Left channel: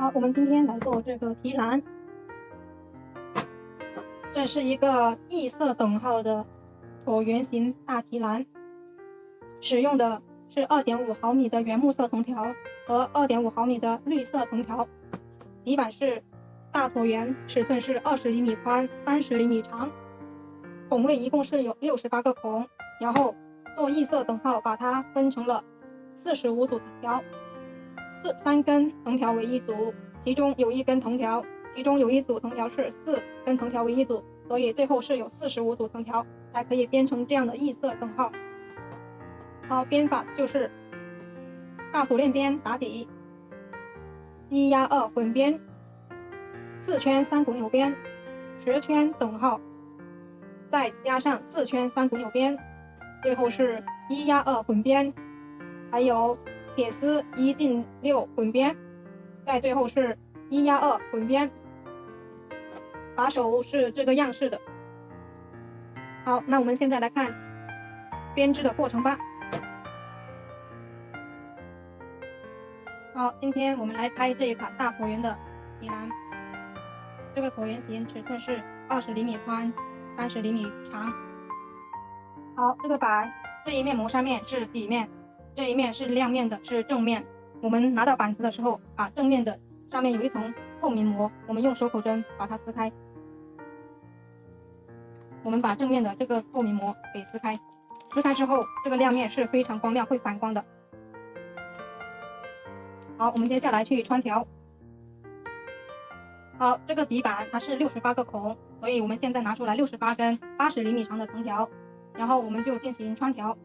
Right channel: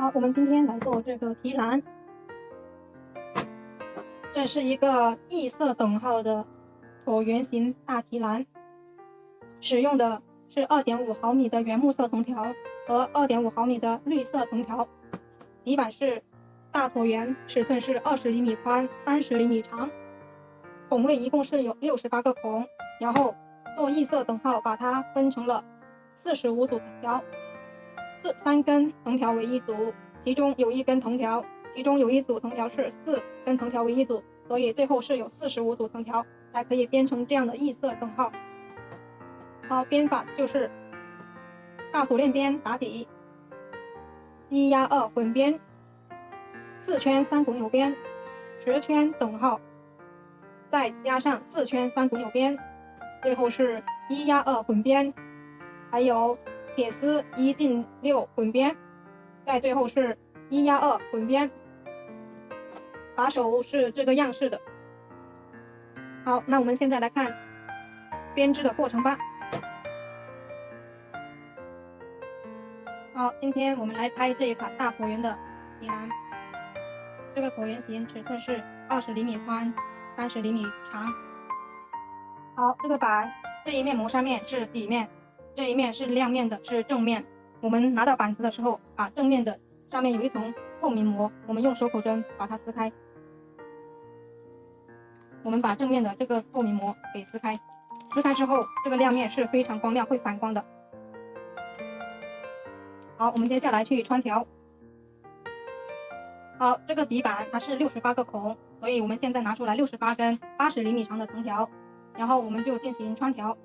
好，我们今天来做这个提篮。这是一个异色等号的椭圆形大提篮，使用的是2.5毫米的原木色藤条和2.5毫米的绿色藤条。底板是大椭圆，尺寸是20厘米宽，30厘米长。孔位一共是有68个孔，然后做异色等号，把它分成了45组藤条，3根藤条为一组，其中有一组藤条是4根藤条为一组，所以最后是有45组藤条才可以编成这样的异色等号。好，编法就是大锁链边打底，1压2混编，4圈3股纽边，10圈等号，再加上4圈3股纽边，最后是1压2混编，还有铁丝1进6混编，再最后是1压2混编。把手是这个样式的。好，那我们现在来看编织的过程吧。好，今天我们来拍这一款大椭圆的提篮。这个椭圆形尺寸是20厘米宽，30厘米长。好，这个板这一面磨砂面是底面，这一面是亮面的，是正面。我们拿到板子的时候，把正面的上面有一层透明膜，我们用手口针把它撕开。我们把正面的这个透明膜给撕开，撕开之后，这个亮面是非常光亮，会反光的。好，我们接下来去穿条。好，这个底板它是68个孔，所以我们现在拿出来68根80厘米长的藤条，然后我们就进行穿条。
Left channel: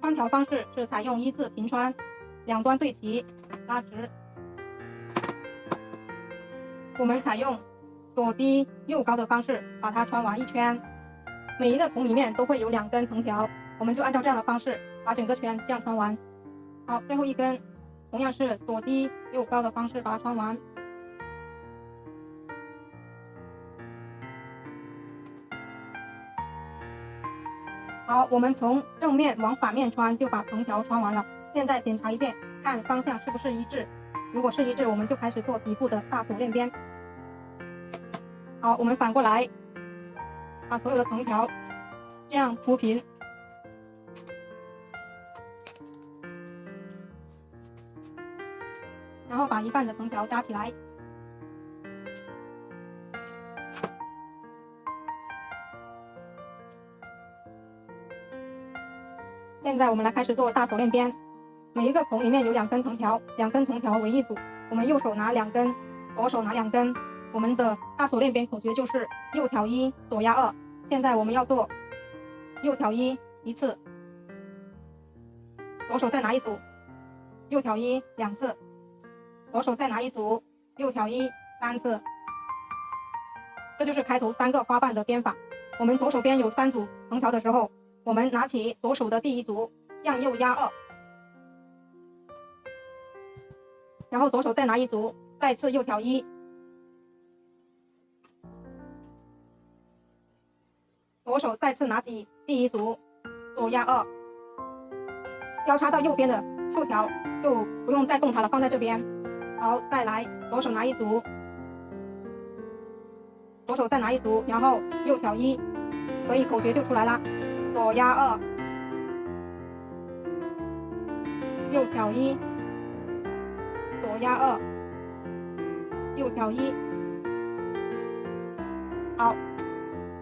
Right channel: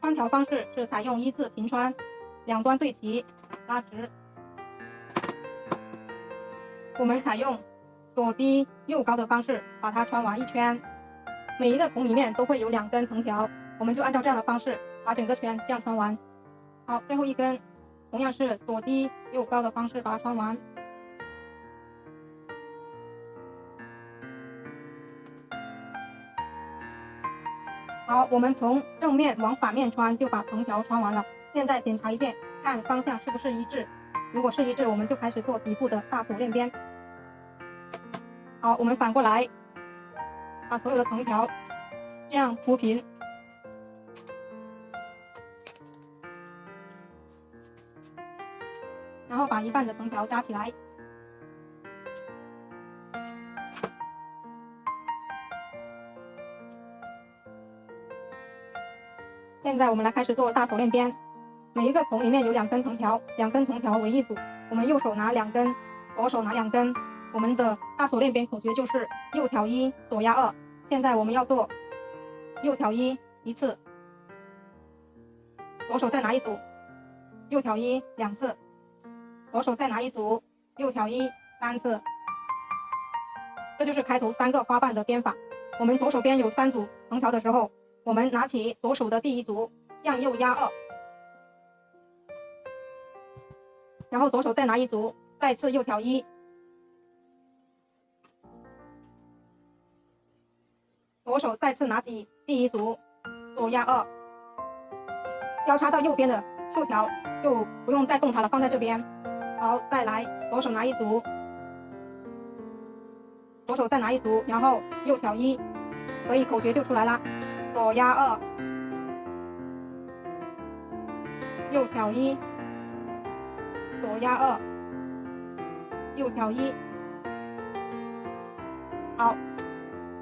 穿条方式是采用1字平穿，两端对齐，拉直。我们采用左低右高的方式把它穿完一圈。每一个孔里面都会有2根藤条，我们就按照这样的方式把整个圈这样穿完。好，最后一根同样是左低右高的方式把它穿完。好，我们从正面往反面穿就把藤条穿完了。现在检查一遍，看方向是不是一致，如果是一致，我们就开始做底部的大锁链边。好，我们反过来把所有的藤条这样铺平，然后把一半的藤条扎起来。现在我们来开始做大锁链边，每一个孔里面有2根藤条，2根藤条为一组，我们右手拿2根，左手拿2根。我们的大锁链边口诀就是右挑1，左压2。现在我们要做右挑1一次，左手再拿一组，右挑1 2次，左手再拿一组，右挑1 3次。这就是开头3个花瓣的编法。我们左手边有3组藤条的时候，我们拿起左手的第一组，向右压2，然后左手再拿一组，再次右挑1，左手再次拿起第一组，左压2，交叉到右边的竖条就不用再动它了，放在这边。好，再来，左手拿一组，左手再拿一组，然后右挑1，所以口诀就出来了，左压2，右挑1，左压2，右挑1。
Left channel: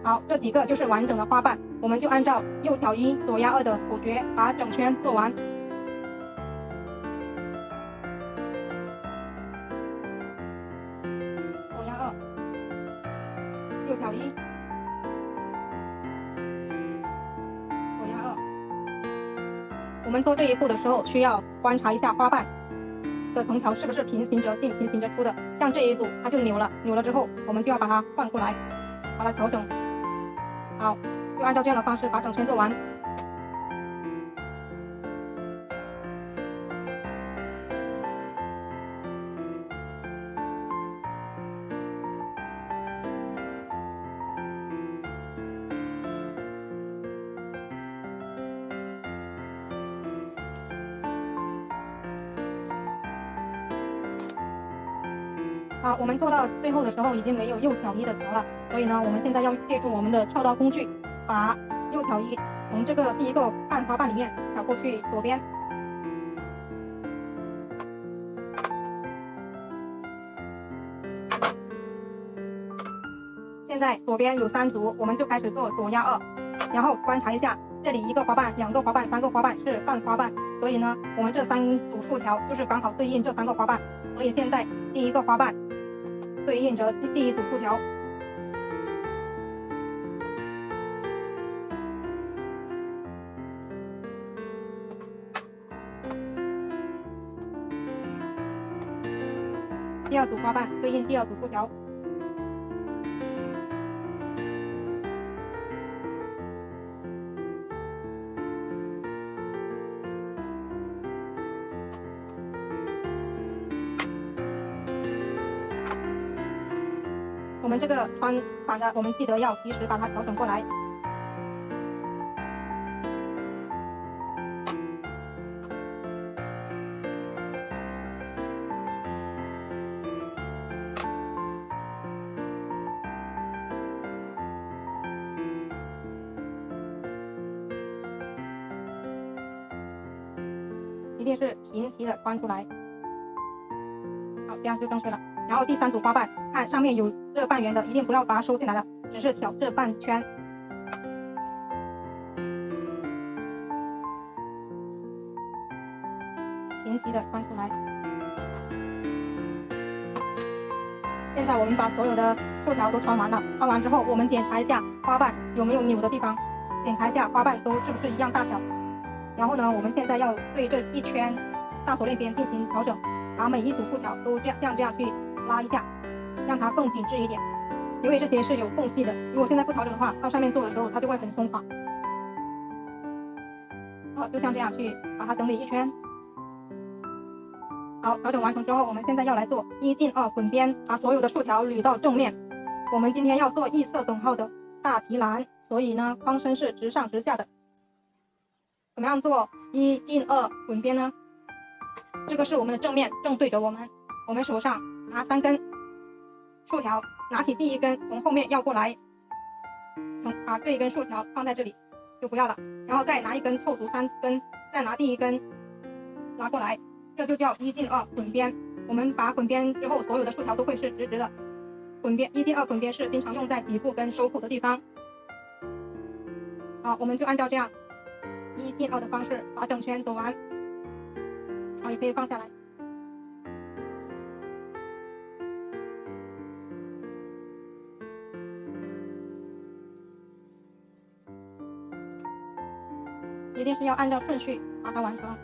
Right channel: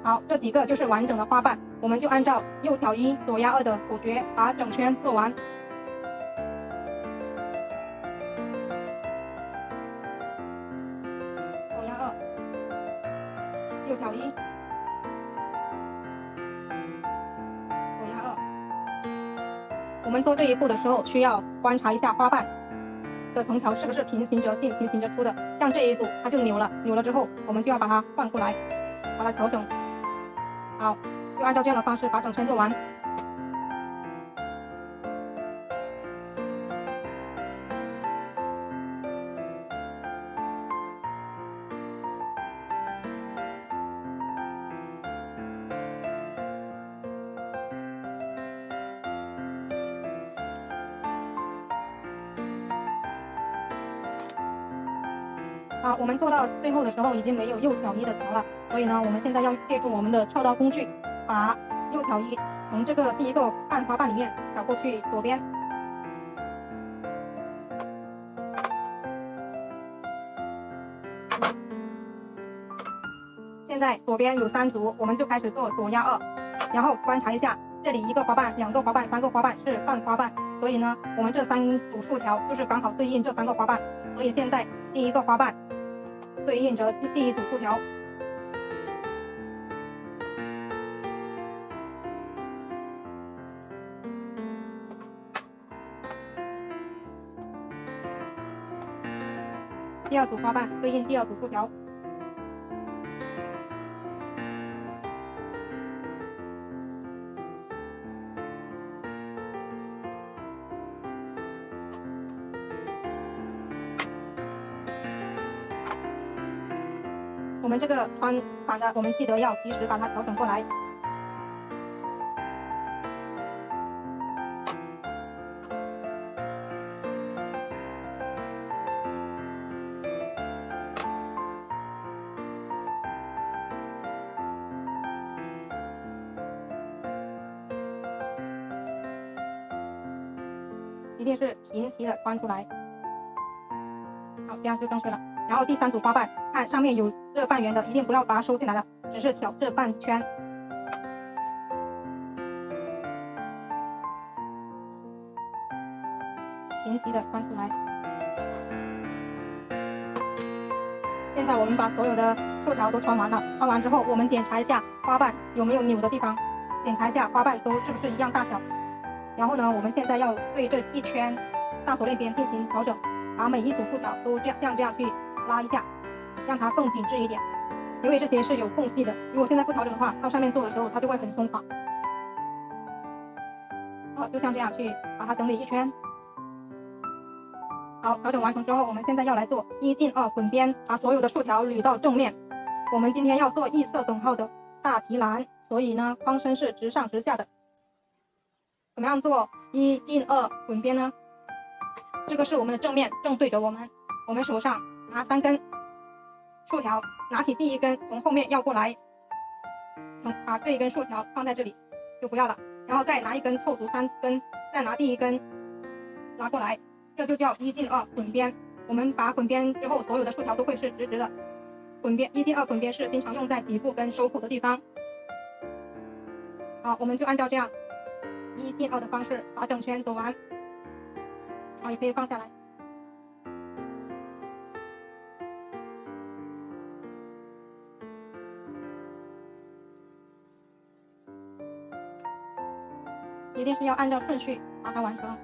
好，这几个就是完整的花瓣，我们就按照右挑1，左压2的口诀把整圈做完。左压2，右挑1，左压2。我们做这一步的时候，需要观察一下花瓣的藤条是不是平行着进、平行着出的。像这一组它就扭了，扭了之后，我们就要把它换过来，把它调整。好，就按照这样的方式把整圈做完。好，我们做到最后的时候已经没有右挑一的条了，所以呢，我们现在要借助我们的撬刀工具，把右挑一从这个第一个半花瓣里面挑过去左边。现在左边有3组，我们就开始做左压2，然后观察一下，这里1个花瓣、2个花瓣、3个花瓣是半花瓣，所以呢，我们这3组竖条就是刚好对应这3个花瓣，所以现在第1个花瓣对应着第1组竖条。第2组花瓣对应第2组竖条。我们这个穿反的，我们记得要及时把它调整过来。一定是平齐的穿出来。好，这样就正确了。然后第3组花瓣，看上面有这半圆的，一定不要把它收进来了，只是挑这半圈。平齐的穿出来。现在我们把所有的竖条都穿完了，穿完之后，我们检查一下花瓣有没有扭的地方，检查一下花瓣都是不是一样大小。然后呢，我们现在要对这一圈大锁链边进行调整，把每一组竖条都像这样去拉一下，让它更紧致一点。因为这些是有缝隙的，如果现在不调整的话，到上面做的时候它就会很松垮。好，就像这样去把它整理一圈。好，调整完成之后，我们现在要来做1进2混边，把所有的竖条捋到正面。我们今天要做异色等号的大提篮，所以呢，框身是直上直下的。怎么样做1进2混边呢？这个是我们的正面，正对着我们。我们手上拿3根竖条，拿起第1根从后面绕过来，把这一根竖条放在这里，就不要了。然后再拿1根凑足3根，再拿第1根拉过来，这就叫1进2混边。我们把混边之后，所有的竖条都会是直直的。混边1进2混边是经常用在底部跟收腹的地方。好，我们就按照这样1进2的方式把整圈走完。好，也可以放下来。一定是要按照顺序把它完成。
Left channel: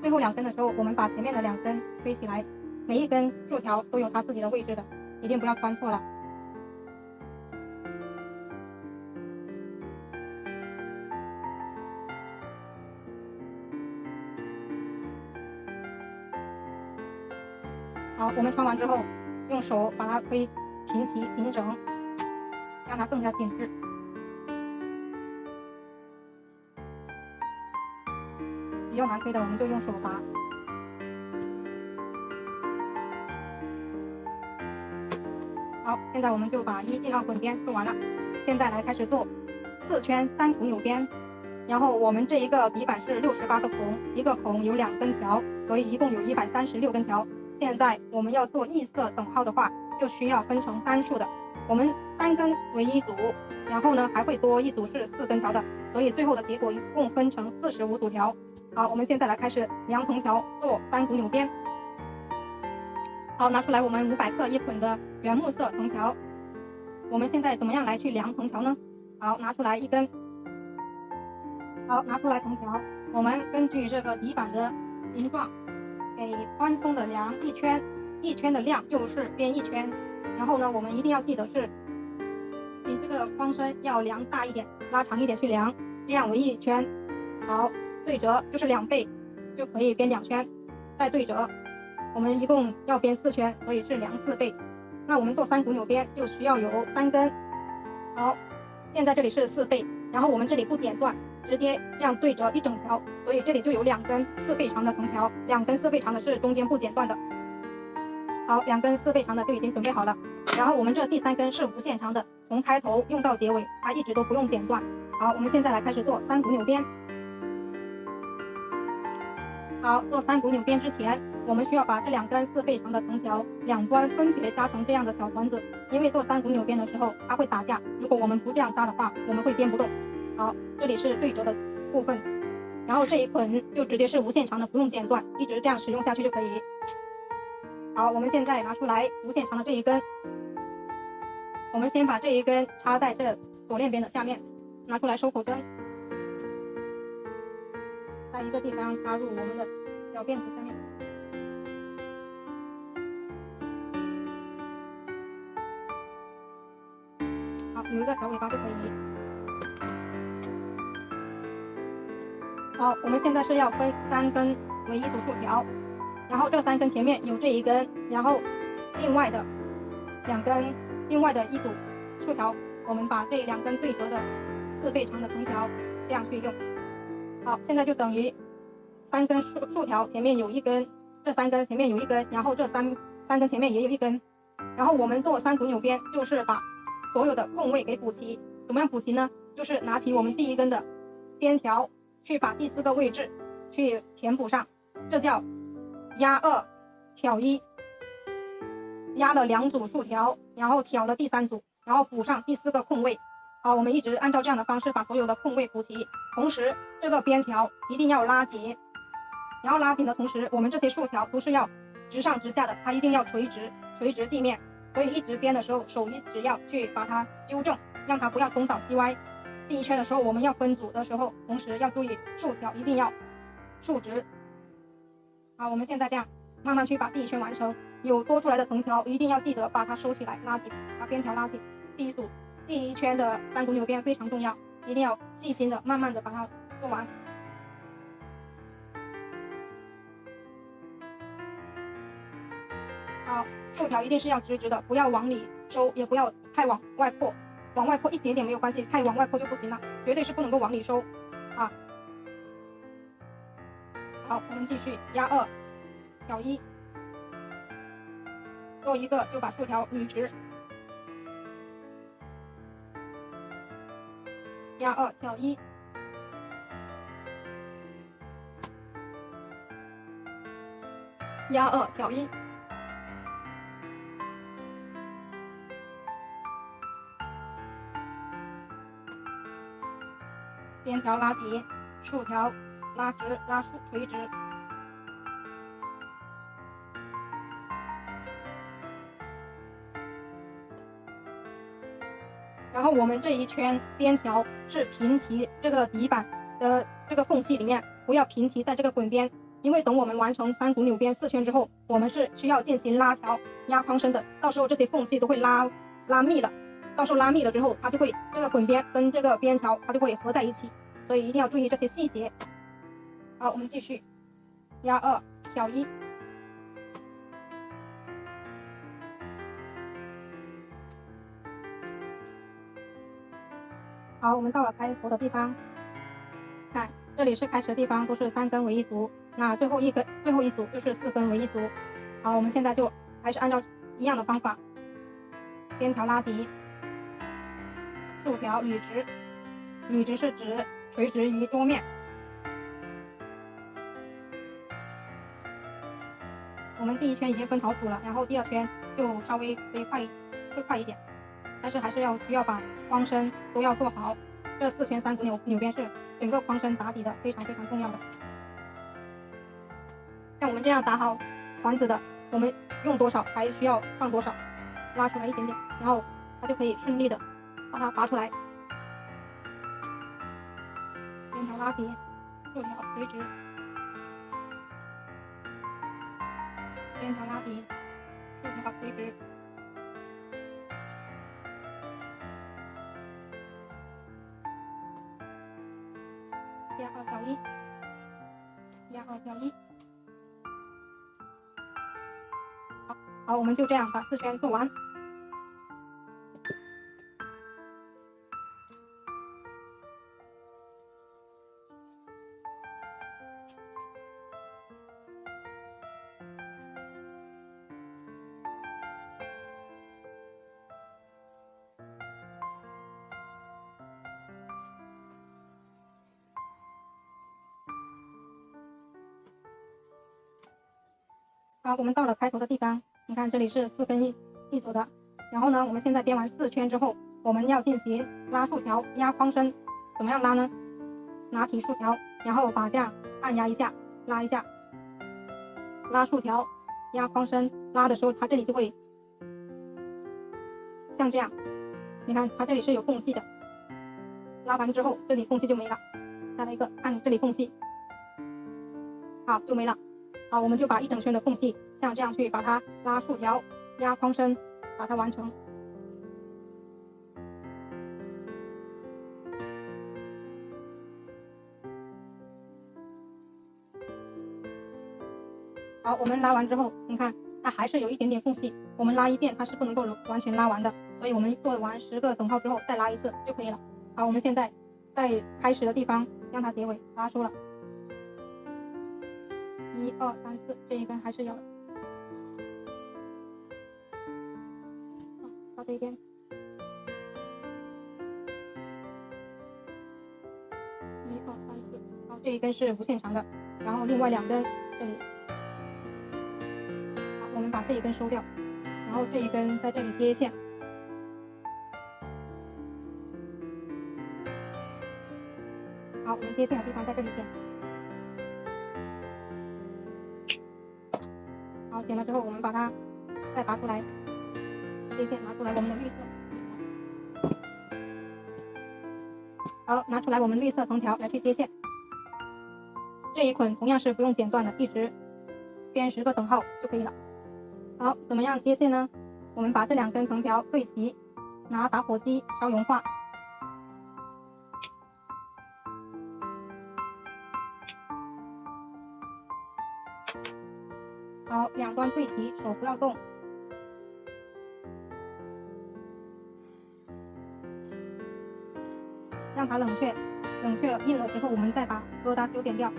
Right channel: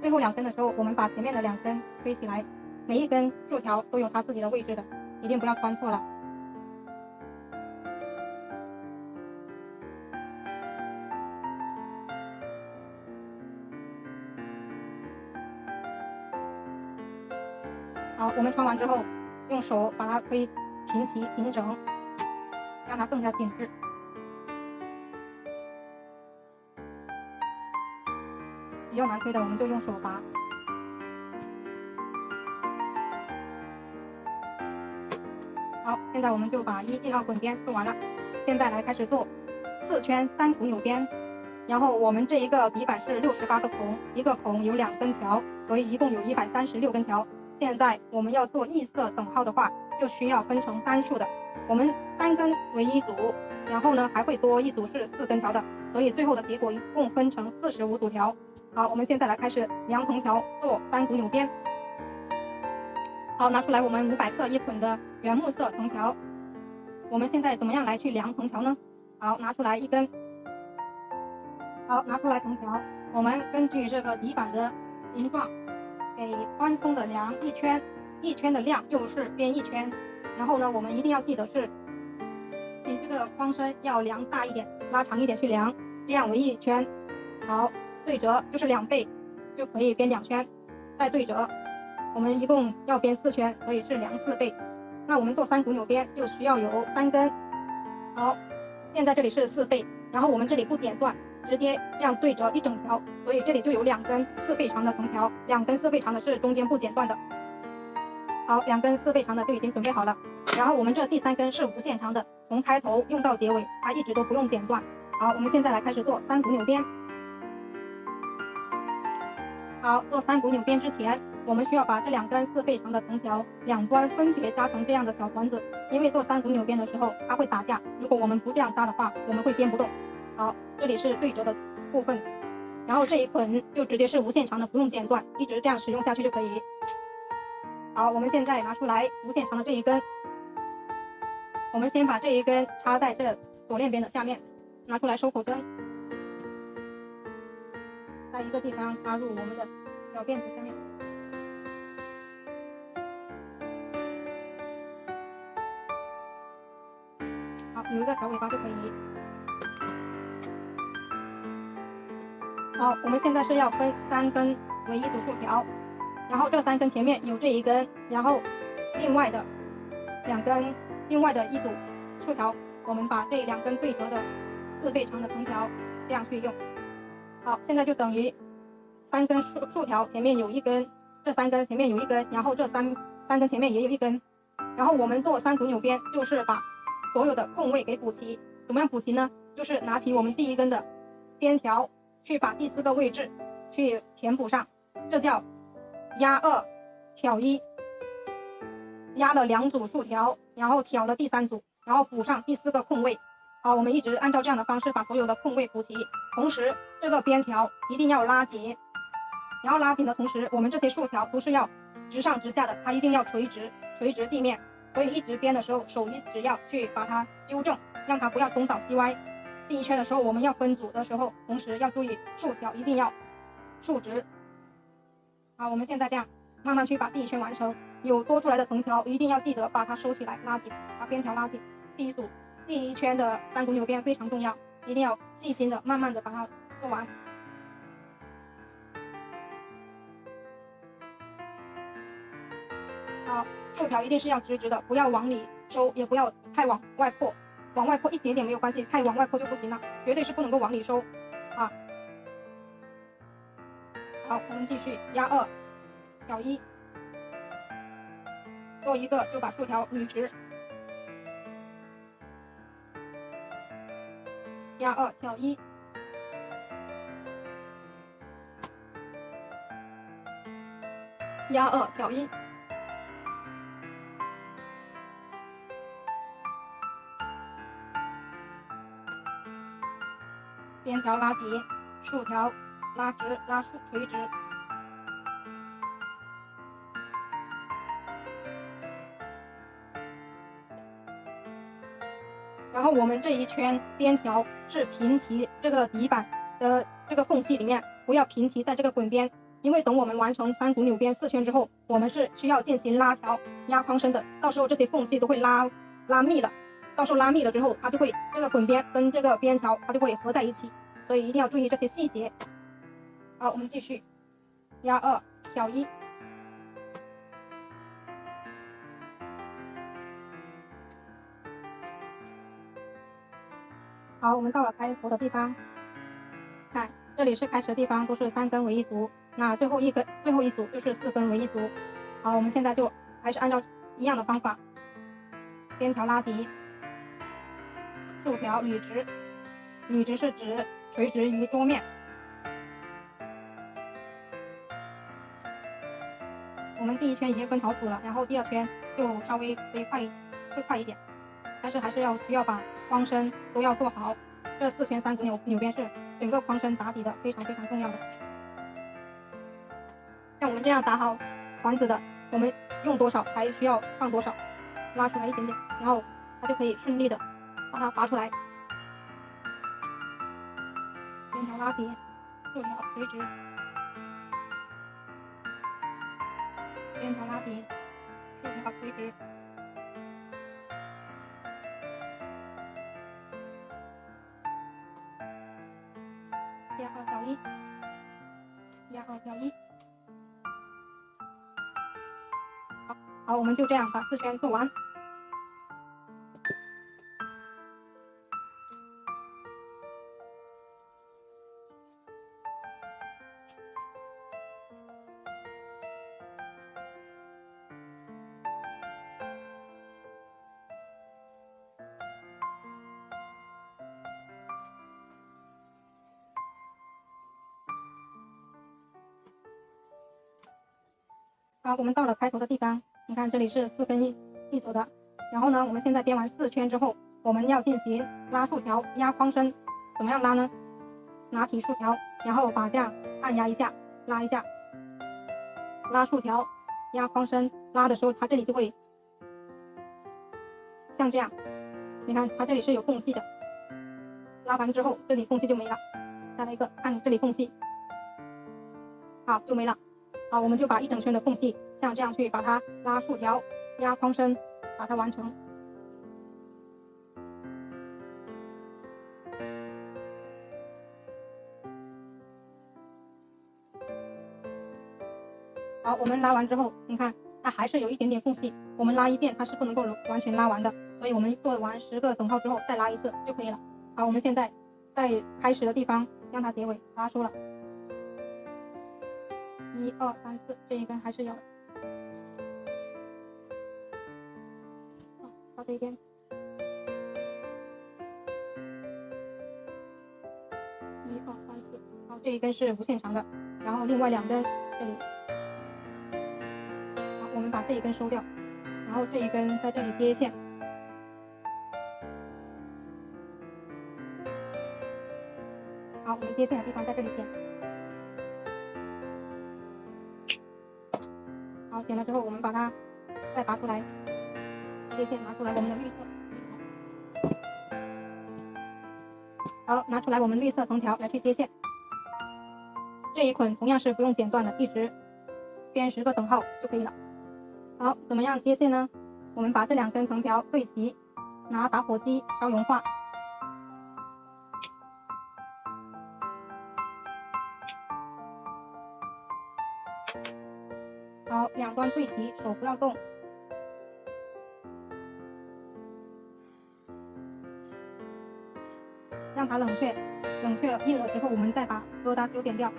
最后2根的时候，我们把前面的2根推起来，每一根竖条都有它自己的位置的，一定不要穿错了。好，我们穿完之后，用手把它推平齐平整，让它更加紧致。比较难推的，我们就用手拔。好，现在我们就把1进2混边做完了。现在来开始做4圈3股扭边。然后我们这一个底板是68个孔，一个孔有2根条，所以一共有136根条。现在我们要做异色等号的话，就需要分成单数的。我们3根为一组，然后呢还会多一组是4根条的，所以最后的结果一共分成45组条。好，我们现在来开始量藤条做3股扭边。好，拿出来我们500克1捆的原木色藤条。我们现在怎么样来去量藤条呢？好，拿出来1根。好，拿出来藤条，我们根据这个底板的形状，给宽松的量1圈，1圈的量就是边1圈。然后呢，我们一定要记得是比这个框身要量大一点，拉长一点去量，这样为1圈。好，对折就是2倍，就可以编2圈，再对折。我们一共要编4圈，所以是量4倍。那我们做3股扭边就需要有3根。好，现在这里是4倍，然后我们这里不剪断，直接这样对折一整条，所以这里就有2根4倍长的藤条，2根4倍长的是中间不剪断的。好，2根4倍长的就已经准备好了。然后我们这第3根是无限长的，从开头用到结尾，它一直都不用剪断。好，我们现在来开始做3股扭边。好，做3股扭边之前，我们需要把这2根4倍长的藤条两端分别扎成这样的小团子，因为做3股扭边的时候它会打架，如果我们不这样扎的话，我们会编不动。好，这里是对折的部分，然后这一捆就直接是无限长的，不用剪断，一直这样使用下去就可以。好，我们现在拿出来无限长的这一根，我们先把这一根插在这锁链边的下面，拿出来收口针，在一个地方插入我们的小辫子下面。好，有一个小尾巴就可以。好，我们现在是要分3根为一组竖条，然后这3根前面有这一根，然后另外的2根，另外的一组竖条，我们把这2根对折的4倍长的藤条这样去用。好，现在就等于3根竖条前面有一根，这3根前面有一根，然后这三根前面也有一根，然后我们做3股扭边，就是把所有的空位给补齐。怎么样补齐呢？就是拿起我们第1根的边条，去把第4个位置去填补上，这叫压2挑1，压了2组竖条，然后挑了第3组，然后补上第4个空位。好，我们一直按照这样的方式把所有的空位补齐，同时这个边条一定要拉紧，然后拉紧的同时，我们这些竖条都是要直上直下的，它一定要垂直地面，所以一直编的时候手一直要去把它纠正，让它不要东倒西歪。第1圈的时候我们要分组的时候，同时要注意竖条一定要竖直。好，我们现在这样慢慢去把第1圈完成，有多出来的藤条一定要记得把它收起来，拉紧，把边条拉紧。第1圈的3股扭边非常重要，一定要细心的慢慢的把它做完。好，竖条一定是要直直的，不要往里收，也不要太往外扩，往外扩一点点没有关系，太往外扩就不行了，绝对是不能够往里收啊。好，我们继续压2挑1，做一个就把竖条捋直，压2挑1，压2挑1，边条拉紧，竖条拉直，拉竖垂直。然后我们这一圈边条是平齐这个底板的这个缝隙里面，不要平齐在这个滚边，因为等我们完成3股扭边4圈之后，我们是需要进行拉条压框身的，到时候这些缝隙都会拉密了，到时候拉密了之后，它就会这个滚边跟这个边条它就会合在一起，所以一定要注意这些细节。好，我们继续压2挑1，好，我们到了开头的地方，看这里是开始的地方，都是3根为一组，那最后一组就是4根为一组。好，我们现在就还是按照一样的方法，边条拉紧，竖条捋直，捋直是指垂直于桌面。我们第1圈已经分好组了，然后第2圈就稍微会快一点，但是还是需要把框身都要做好。这4圈3股扭边是整个框身打底的非常非常重要的。像我们这样打好团子的，我们用多少才需要放多少，拉出来一点点，然后它就可以顺利的把它拔出来。边条拉紧，竖条垂直，边条拉紧，竖条垂直。压2挑1，压2挑1。好，我们就这样把4圈做完。好，我们到了开头的地方，你看这里是4根一组的。然后呢，我们现在编完4圈之后，我们要进行拉竖条、压框身。怎么样拉呢？拿起竖条，然后把这样按压一下，拉一下，拉竖条，压框身。拉的时候，它这里就会像这样。你看，它这里是有缝隙的。拉完之后，这里缝隙就没了。再来一个，按这里缝隙，好，就没了。好，我们就把一整圈的缝隙像这样去把它拉竖条、压框身，把它完成。好，我们拉完之后，你看它还是有一点点缝隙，我们拉一遍它是不能够完全拉完的，所以我们做完10个等号之后再拉一次就可以了。好，我们现在在开始的地方让它结尾拉出了，1、2、3、4，这一根还是有的。好，到这边，1、2、3、4，好，这一根是无限长的，然后另外2根这里。好，我们把这一根收掉，然后这一根在这里接线。好，我们接线的地方在这里剪。好，剪了之后，我们把它再拔出来，接线拿出来我们的绿色。好，拿出来我们绿色藤条来去接线。这一捆同样是不用剪断的，一直编10个等号就可以了。好，怎么样接线呢？我们把这2根藤条对齐，拿打火机烧融化。好，2端对齐，手不要动。让它冷却，冷却硬了之后，我们再把疙瘩修剪掉。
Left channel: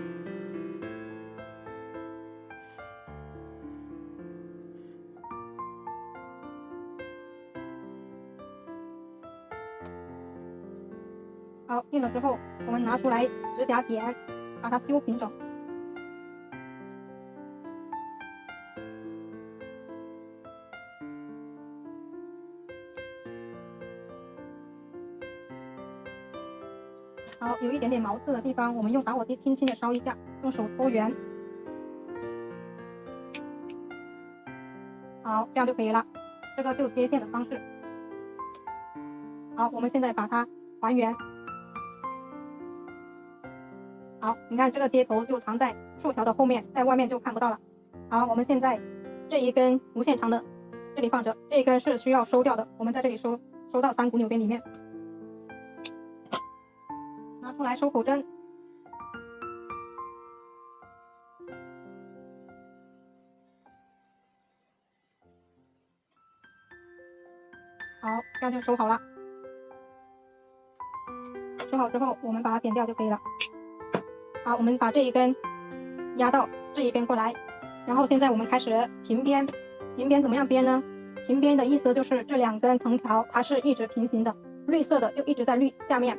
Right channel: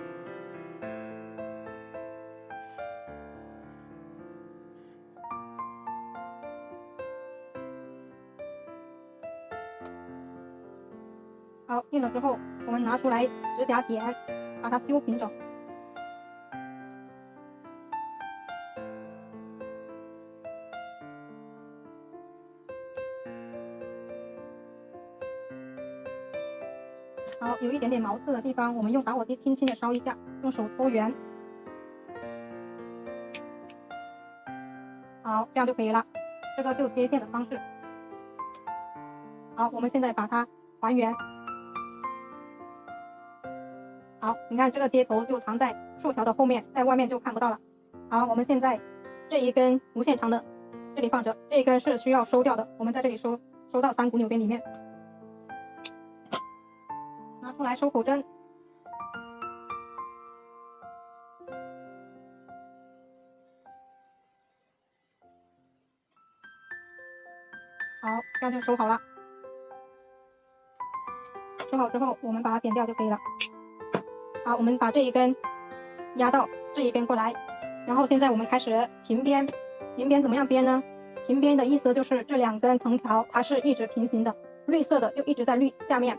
好，硬了之后，我们拿出来指甲剪，把它修平整。好，有一点点毛刺的地方，我们用打火机轻轻的烧一下，用手搓圆。好，这样就可以了。这个就接线的方式。好，我们现在把它还原。好，你看这个接头就藏在竖条的后面，在外面就看不到了。好，我们现在这一根无限长的这里放着，这一根是需要收掉的，我们在这里收到3股纽边里面，拿出来收口针。好，这样就收好了。收好之后，我们把它剪掉就可以了。好，我们把这一根压到这一边过来，然后现在我们开始平编。平编怎么样编呢？平编的意思就是这2根藤条它是一直平行的，绿色的就一直在下面，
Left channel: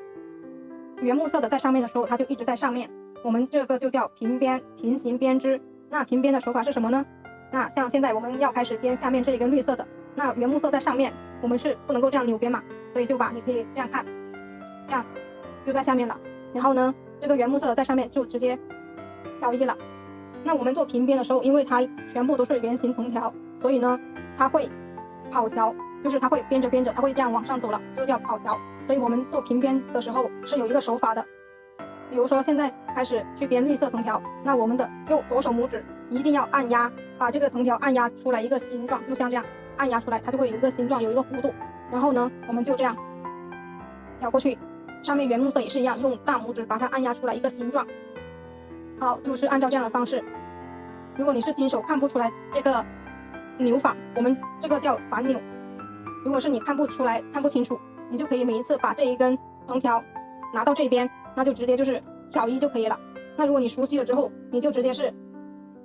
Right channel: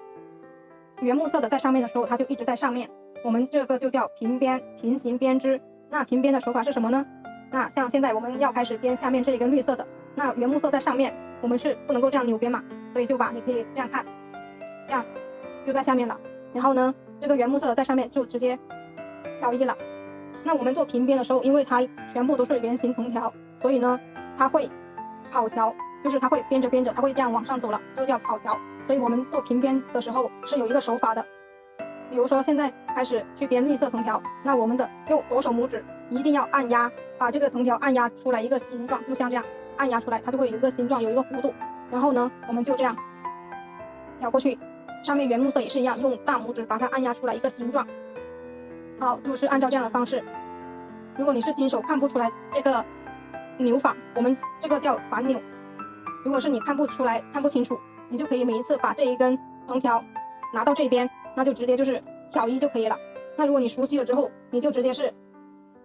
原木色的在上面的时候它就一直在上面，我们这个就叫平编，平行编织。那平编的手法是什么呢？那像现在我们要开始编下面这一根绿色的，那原木色在上面，我们是不能够这样扭编嘛，所以你可以这样看，这样就在下面了。然后呢，这个原木色在上面就直接挑一了。那我们做平编的时候，因为它全部都是圆形藤条，所以呢它会跑条，就是它会编着编着它会这样往上走了，就叫跑条。所以我们做平编的时候是有一个手法的。比如说现在开始去编绿色藤条，那我们的左手拇指一定要按压，把这个藤条按压出来一个形状，就像这样按压出来，它就会有一个形状，有一个弧度。然后呢我们就这样挑过去，上面原木色也是一样，用大拇指把它按压出来一个形状。好，就是按照这样的方式。如果你是新手看不出来这个扭法，我们这个叫反扭。如果是你看不出来看不清楚，你就可以每一次把这一根藤条拿到这边，那就直接就是挑一就可以了。那如果你熟悉了之后，你就直接是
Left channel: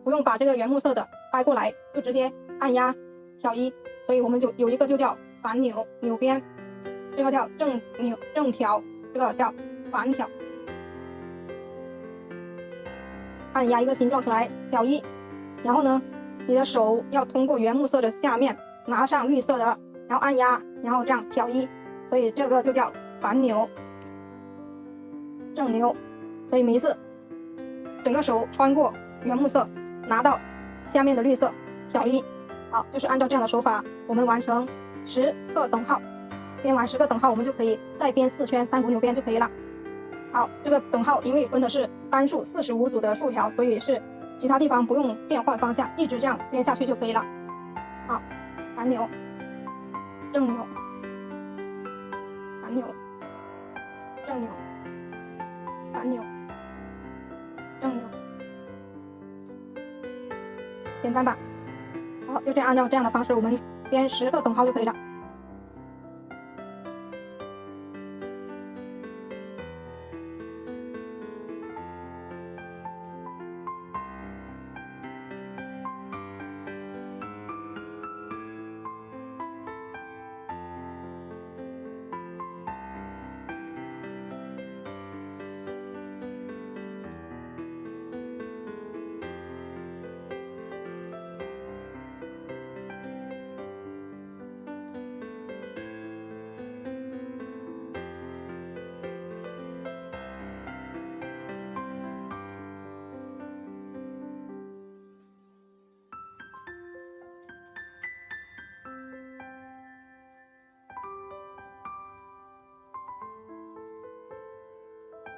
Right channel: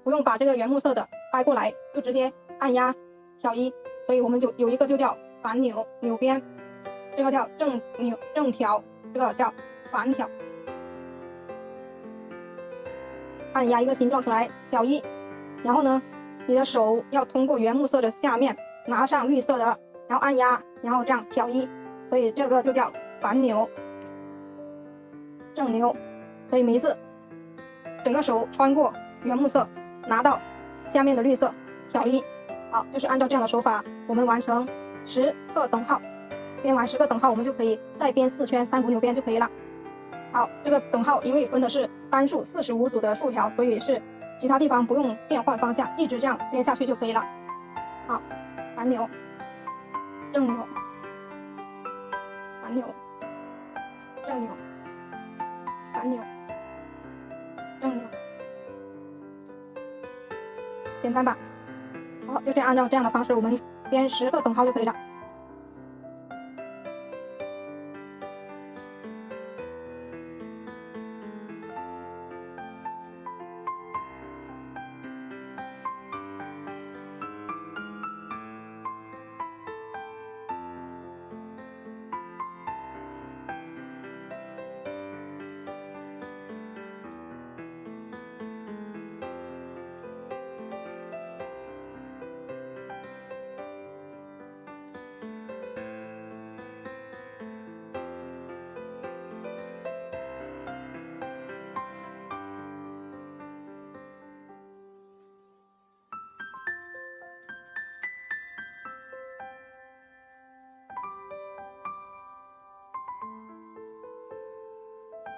不用把这个原木色的掰过来，就直接按压挑一。所以我们就有一个就叫反扭，扭边，这个叫正扭正挑，这个叫反挑。按压一个形状出来，挑一，然后呢你的手要通过原木色的下面拿上绿色的，然后按压，然后这样挑一，所以这个就叫反扭、正扭。所以每一次整个手穿过原木色，拿到下面的绿色，挑一。好，就是按照这样的手法，我们完成10个等号。编完10个等号，我们就可以再编4圈3股扭编就可以了。好，这个等号因为分的是单数45组的竖条，所以是其他地方不用变换方向，一直这样编下去就可以了。好，反扭、正扭、反扭、正扭、反扭、正扭，简单吧？好，就这样按照这样的方式，我们编10个等号就可以了。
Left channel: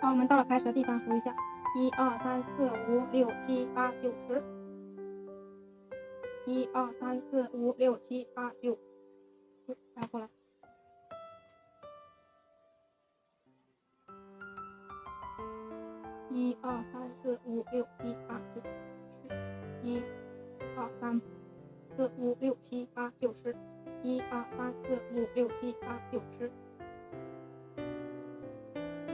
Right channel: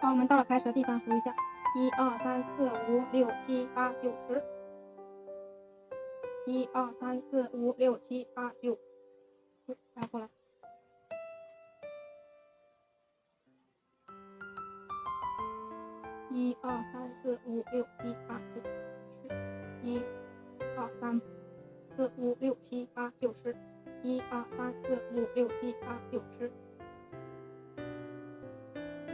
好，我们到了开始的地方数一下，1、2、3、4、5、6、7、8、9、10。1、2、3、4、5、6、7、8、9，再过来。1、2、3、4、5、6、7、8、9、10。1、2、3、4、5、6、7、8、9、10。1、2、3、4、5、6、7、8、9、10。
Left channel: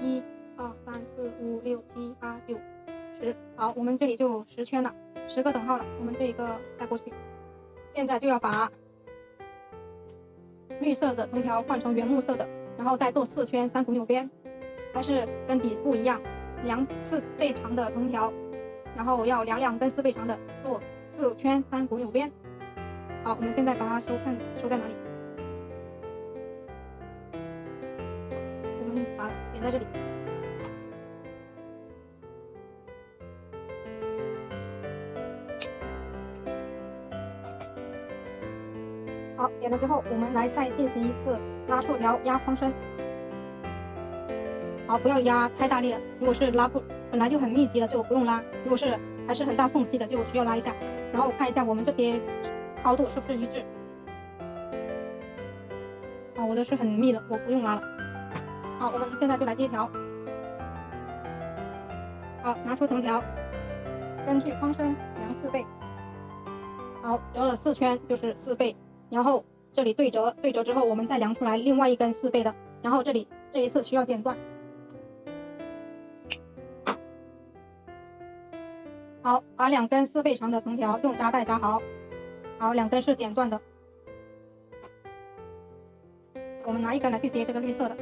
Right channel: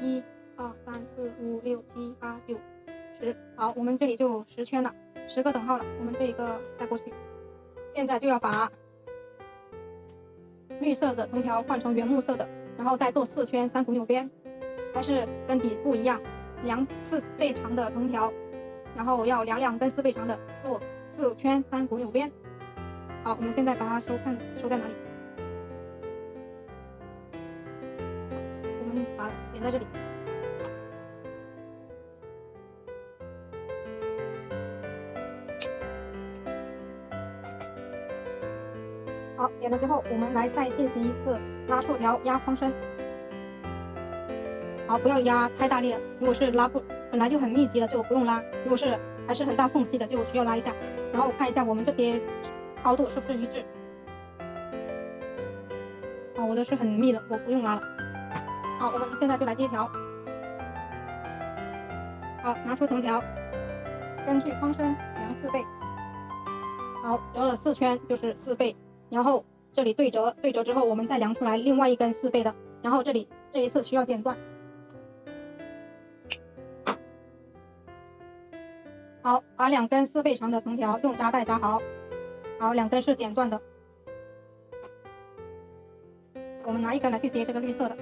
1、2、3、4、5、6、7、8、9、10。好，我们这里就10圈了，10个等号了。我们这一个带过去。现在就要把绿色的藤条换成原木色的，然后再做4圈3股扭编，还是跟底部一样，量4倍长的藤条，然后要2根4倍长的，做4圈3股扭编。好，我们现在把它收在哪里？我们把它点在这里。好，点了之后，我们来再进行一次拉竖条、压框身。好，不要压太大力了。如果是拉不本来就很密集了，就不用拉；如果是还是很大缝隙的，就需要拉一下。然后看一下我们这些高度是不是一致。好，我的是很密的，我不用拉了。好，我们现在就来接条。好，拿出藤条，根据框身量4倍。好，折了4圈就是4倍。然后这里对折之后，我们再量出来另外一根4倍的，然后这一次需要剪断。好，把2根4倍长的藤条用扎带扎好。好，2根是剪断的。我们拿一根来去接这个绿色的。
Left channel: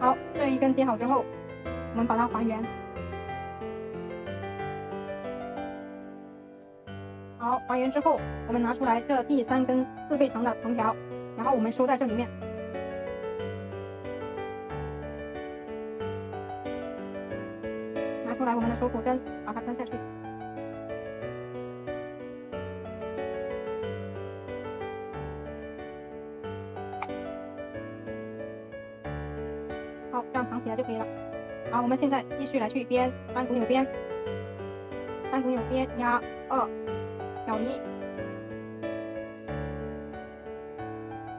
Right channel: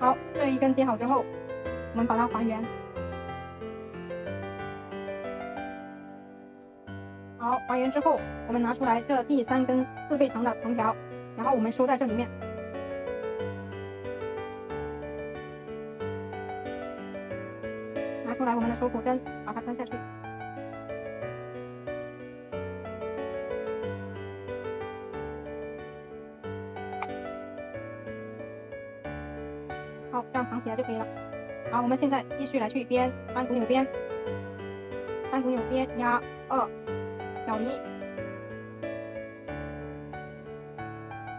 好，这一根接好之后，我们把它还原。好，还原之后，我们拿出来这第3根4倍长的藤条，然后我们收在这里面。拿出来我们的手骨针，把它穿下去。好，这样藏起来就可以了。好，我们现在继续来去编3股扭编。3股纽边，压2咬1，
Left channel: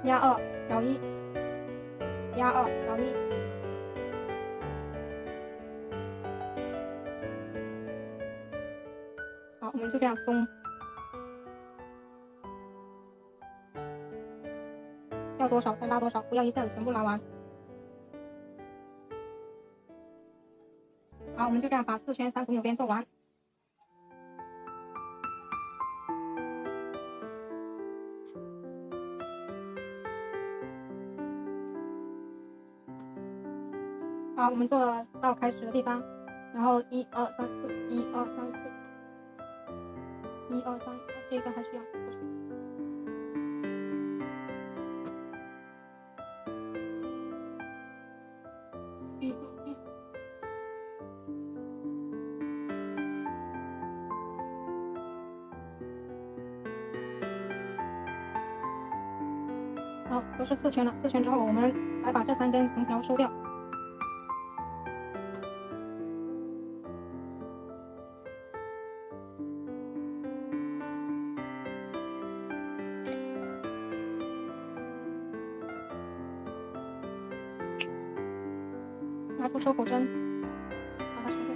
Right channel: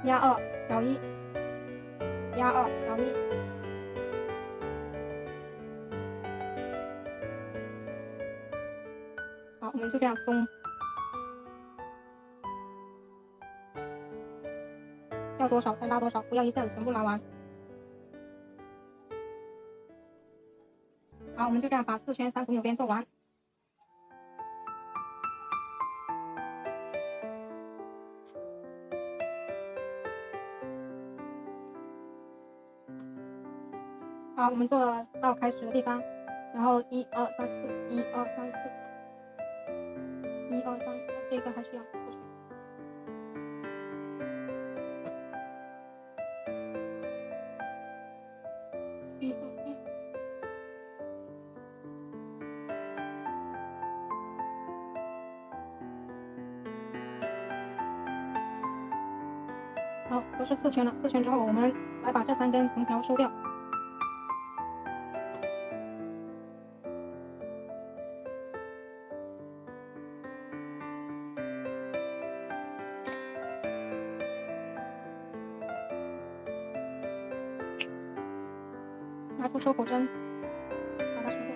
压2咬1，压2咬1。好，我们就这样松，要多少再拉多少，不要一下子全部拉完。好，我们就这样把4圈3股纽边做完。好，我们做到开始的地方，然后1 2 3 4 1 2 3 4 1 2 3，这个还需要过去。1 2 3。好，都是4圈了。4圈之后，我们来把这3根藤条收掉。拿出收口针，把它收掉。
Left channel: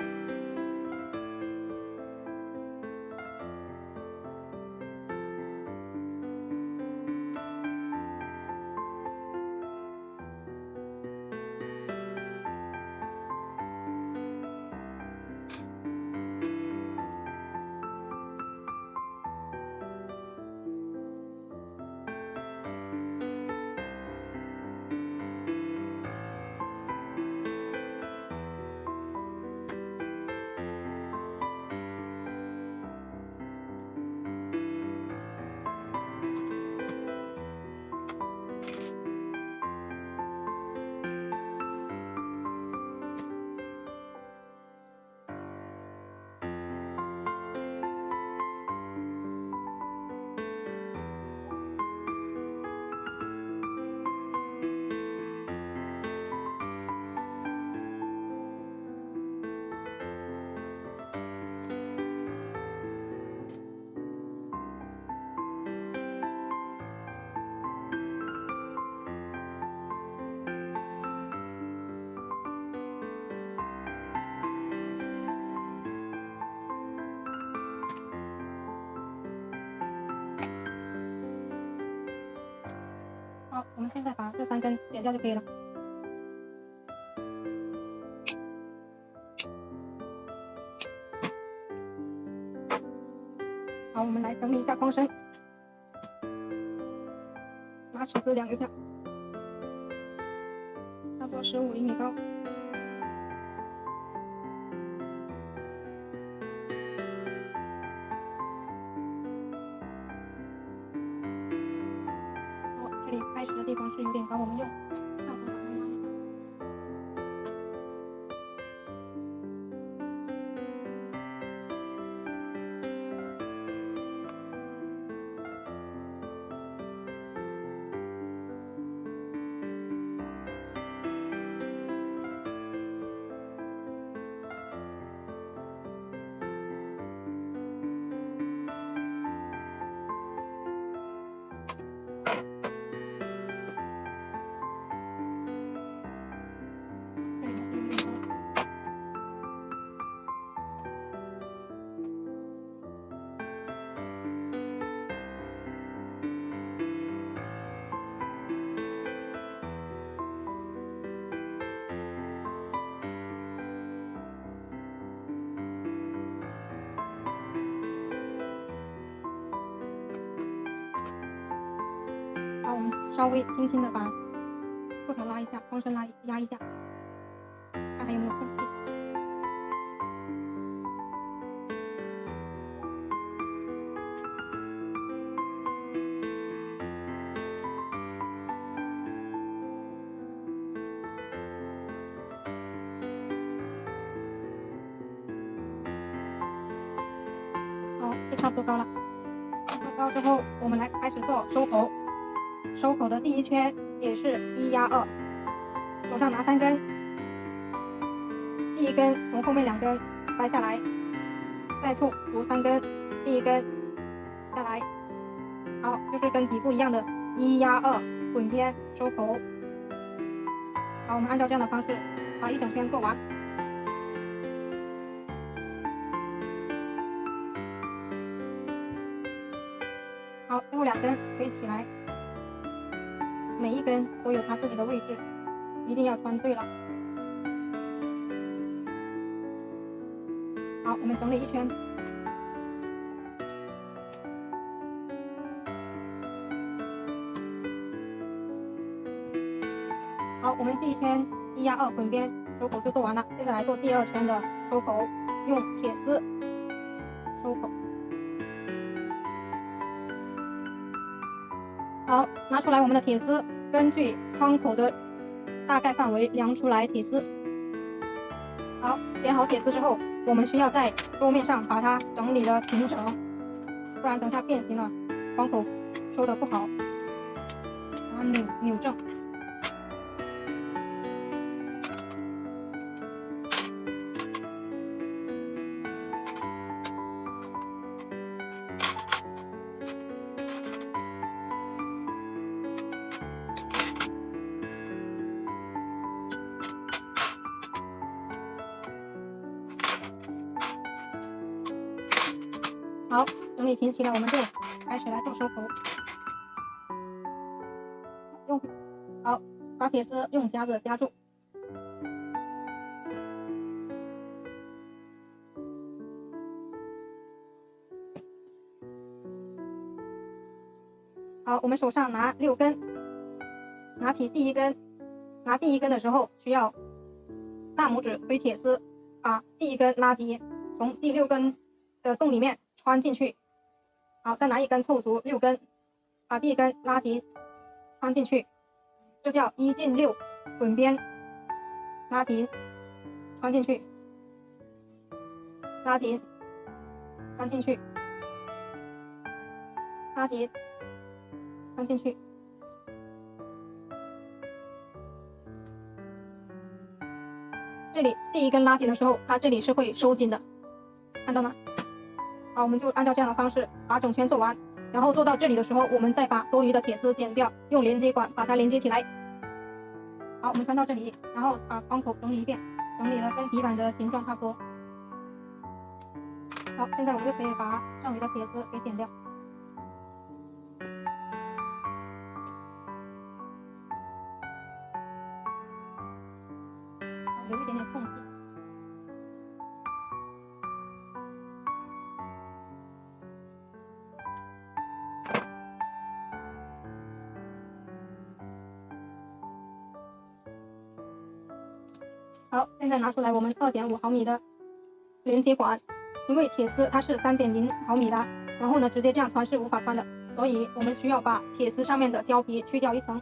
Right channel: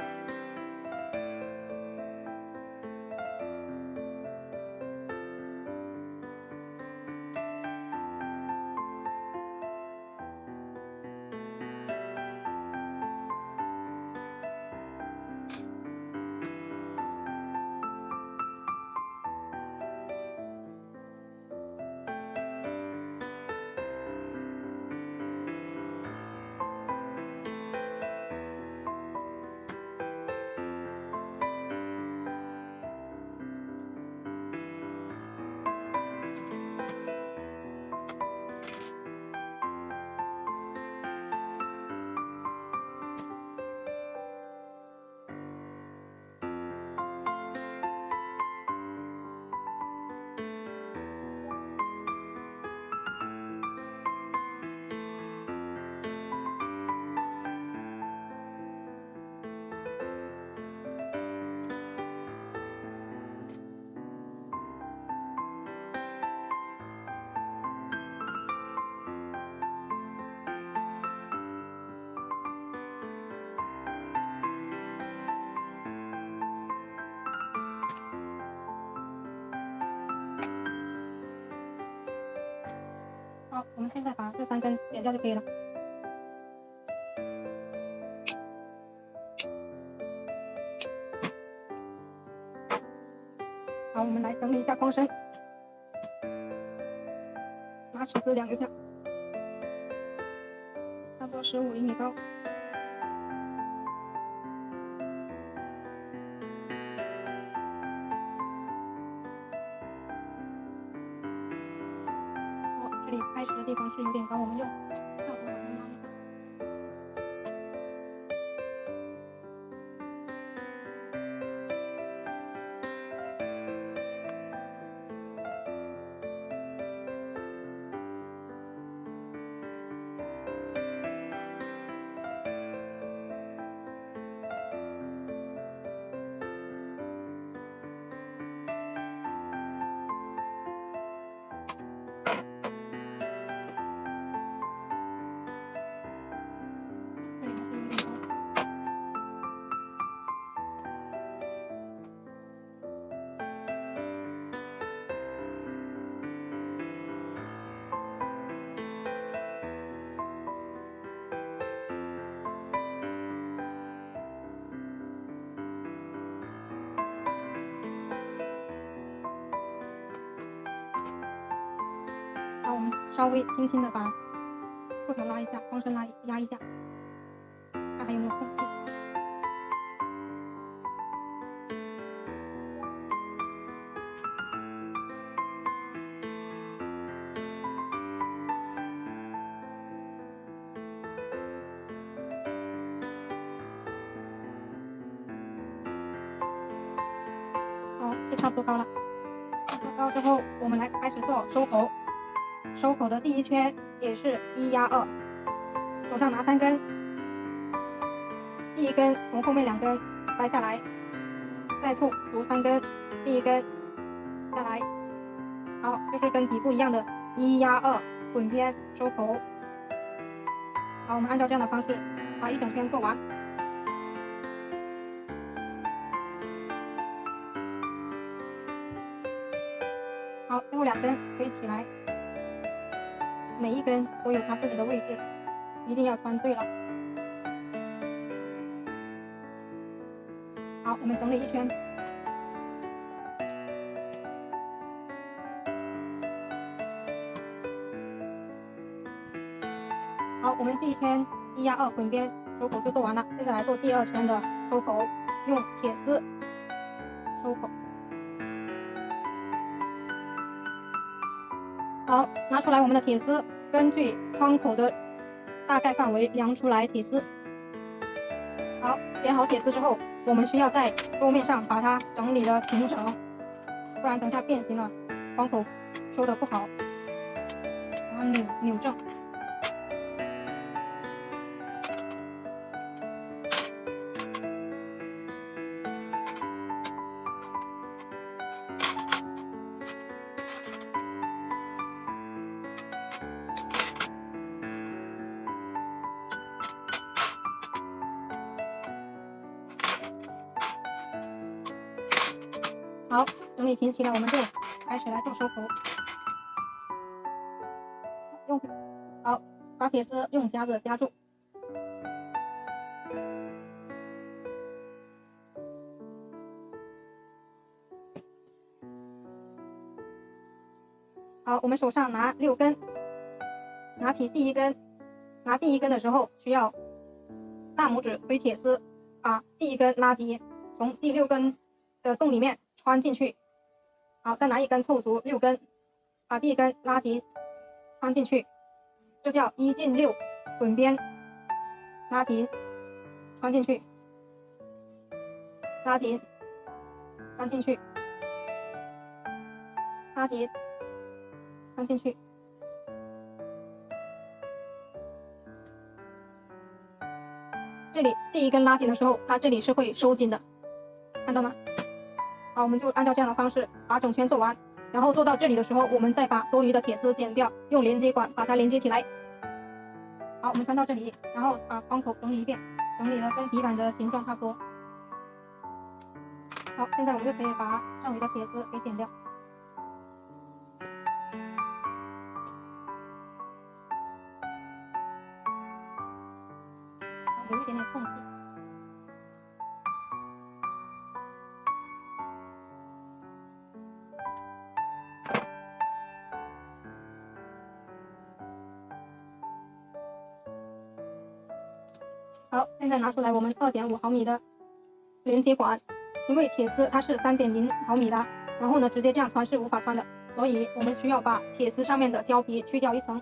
好，我们现在把这3根剪掉就可以了。好，我们来整理一下框身，拿尺子量一下，差不多15厘米高。好，这里开始的地方是有点高，我们用跳头把它拉一下。这里还是有点高。好，我们稍微轻轻的把竖条拉一下，框身压一下，看还有没有空隙。好，就差不多高了。做高之后，我们来开始做收口。收口的第1圈也是1压2，手上拿3根，第1根从后面2根掰下来，再凑足3根，第一根下来，好，就是跟底部一样的1压2滚边收口。好，我们按照这样的方式把一整圈做完。好，最后2根可以起来，每一根都有它自己的位置，一定要穿对了。好，我们整理一圈。好，我们第一圈1压2滚边收口就做完了，现在来做第2圈的收口，用铁丝收口。好，拿出来我们的铁丝，根据框口的大概范围量出来铁丝。好，点好铁丝之后，我们需要在桌面上把它整理的平整，不然等下变形了，框口收的不好，把它扭正。好，整理平齐了，我们就开始来做收口。好，把铁丝用夹子夹住。好，我们手上拿6根，拿起第一根，拿第一根的时候需要大拇指推铁丝，把第一根拉紧，从第6根的洞里面穿进去。好，再拿一根凑足6根，把第一根拉紧，穿进去，这叫1进6滚边，拉紧，穿进去，拉紧，穿进去，拉紧，穿进去。这里第一根拉紧的时候，它这里是会收紧的，看到吗？好，我们就按照这样的方式把整圈做完，然后做到这里的时候，我们再把多余的铁丝剪掉，用连接管把它连接起来。好，我们穿到这里，然后把框口整理一遍，整理了跟底板的形状差不多。好，现在我们就可以把剩余的铁丝给剪掉。好，留一点点缝隙。好，现在拿出来我们2.5毫米的连接管，因为铁丝它是3.0毫米的，然后呢直接这样穿是无法穿的，所以我们需要把铁丝上面的胶皮去掉一层。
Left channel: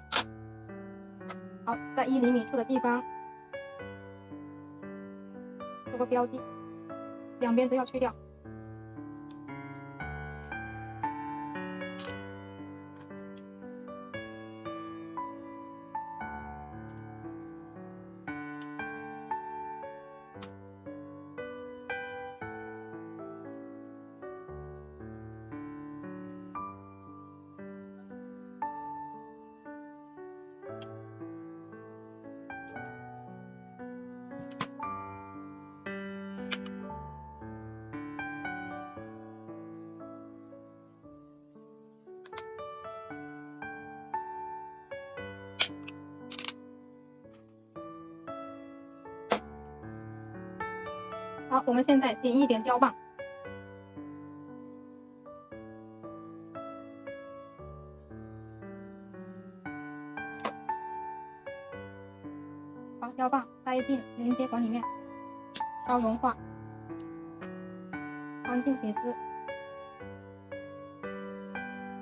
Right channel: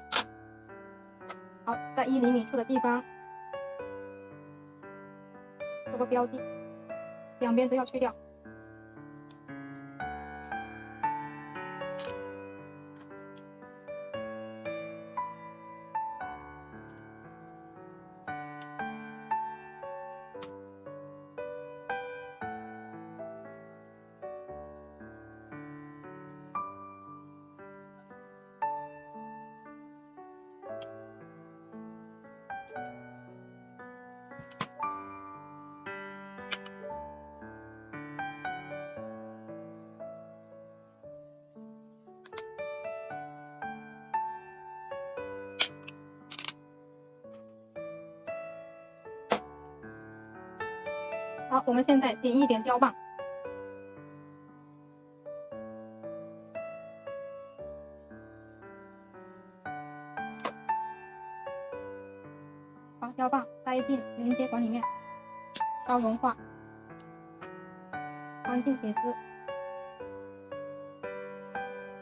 好，在1厘米处的地方做个标记，两边都要去掉。好，我们现在剪一点胶棒，把胶棒塞进连接管里面，稍融化，穿进铁丝，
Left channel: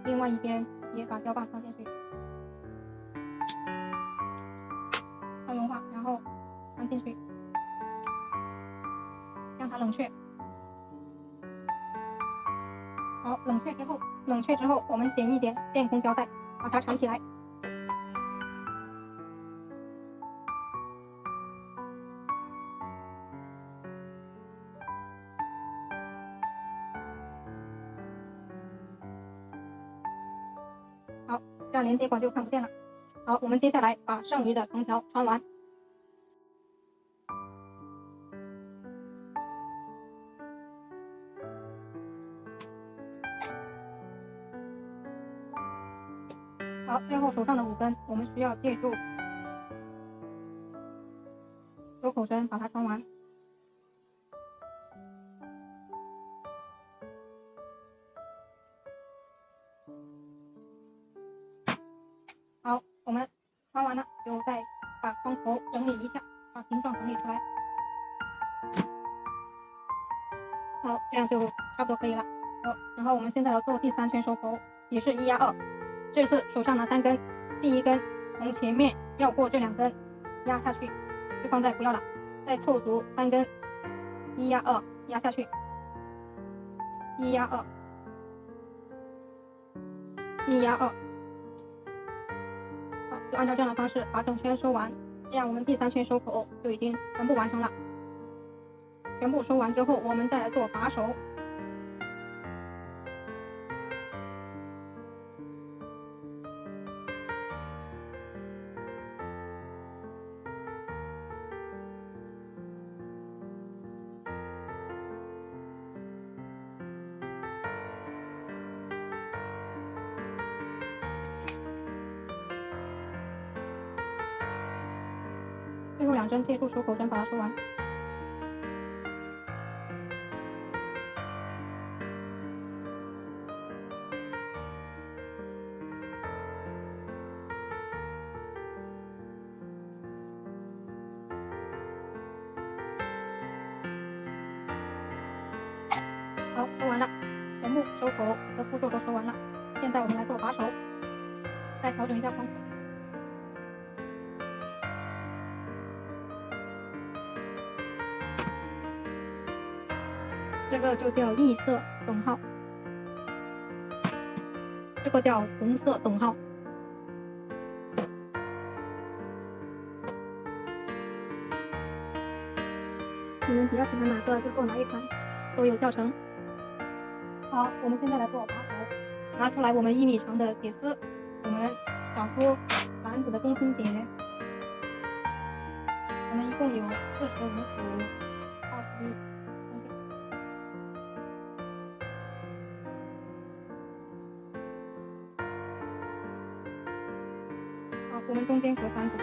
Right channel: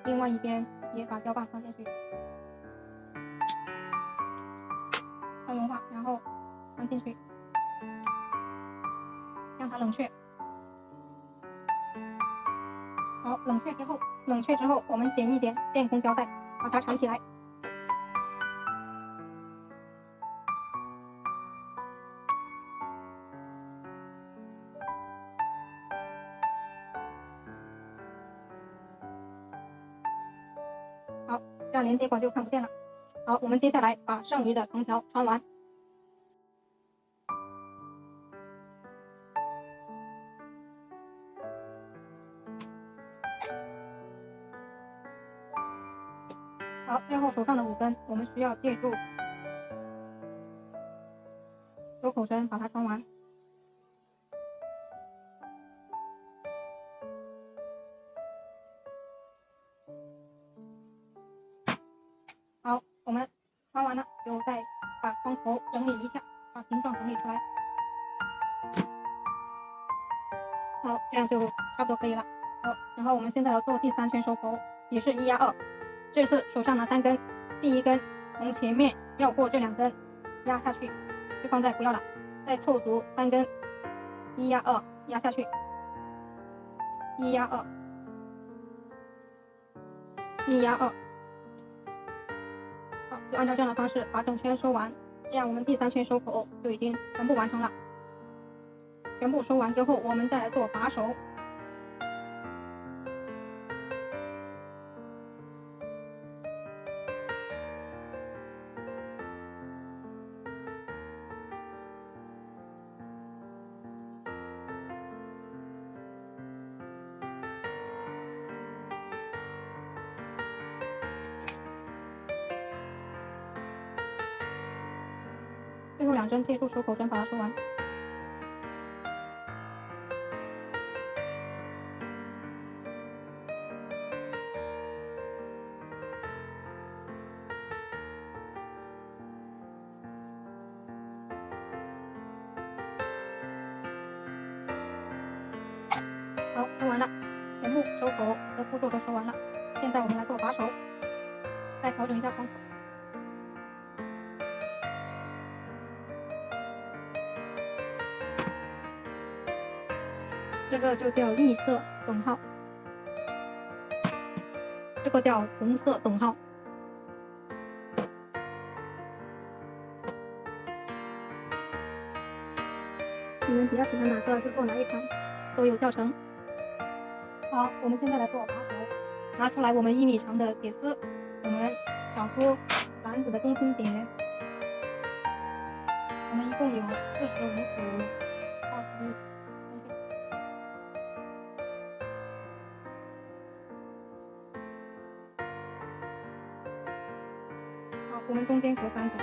另外一边也把胶棒穿进去，稍融化，然后穿进去，让它冷却。好，冷却之后，我们剪一点电工胶带，把它缠起来。这样连接管就看不见了。好，我们接下来把剩余的藤条穿完。好，最后手上的5根，我们需要借助收口针把它穿完。好，我们穿完了，就再把窗口整理一下，把形状整理出来。好，这样就差不多可以了。好，然后我们现在要做第3圈收口，也是1压2。这次手上拿3根，第1根从前面绕过这2根压下去，就放在不要了，再凑足3根，1压2压下去，1压2，1压2。好，就按照这样的方式把整圈收完，这样我们第3圈收口就已经全部完成了。全部收完之后，我们再来做把手。最后2针借助收口针把它收完。好，收完了，全部收口的步骤都收完了。现在我们来做把手，再调整一下框口。这个就叫异色等号，这个叫同色等号。你们比较喜欢哪个就做哪一款，都有教程。好，我们现在来做把手，拿出来我们1米长的铁丝，我们找出篮子的中心点，我们一共有45组23点。好，我们中间隔3组。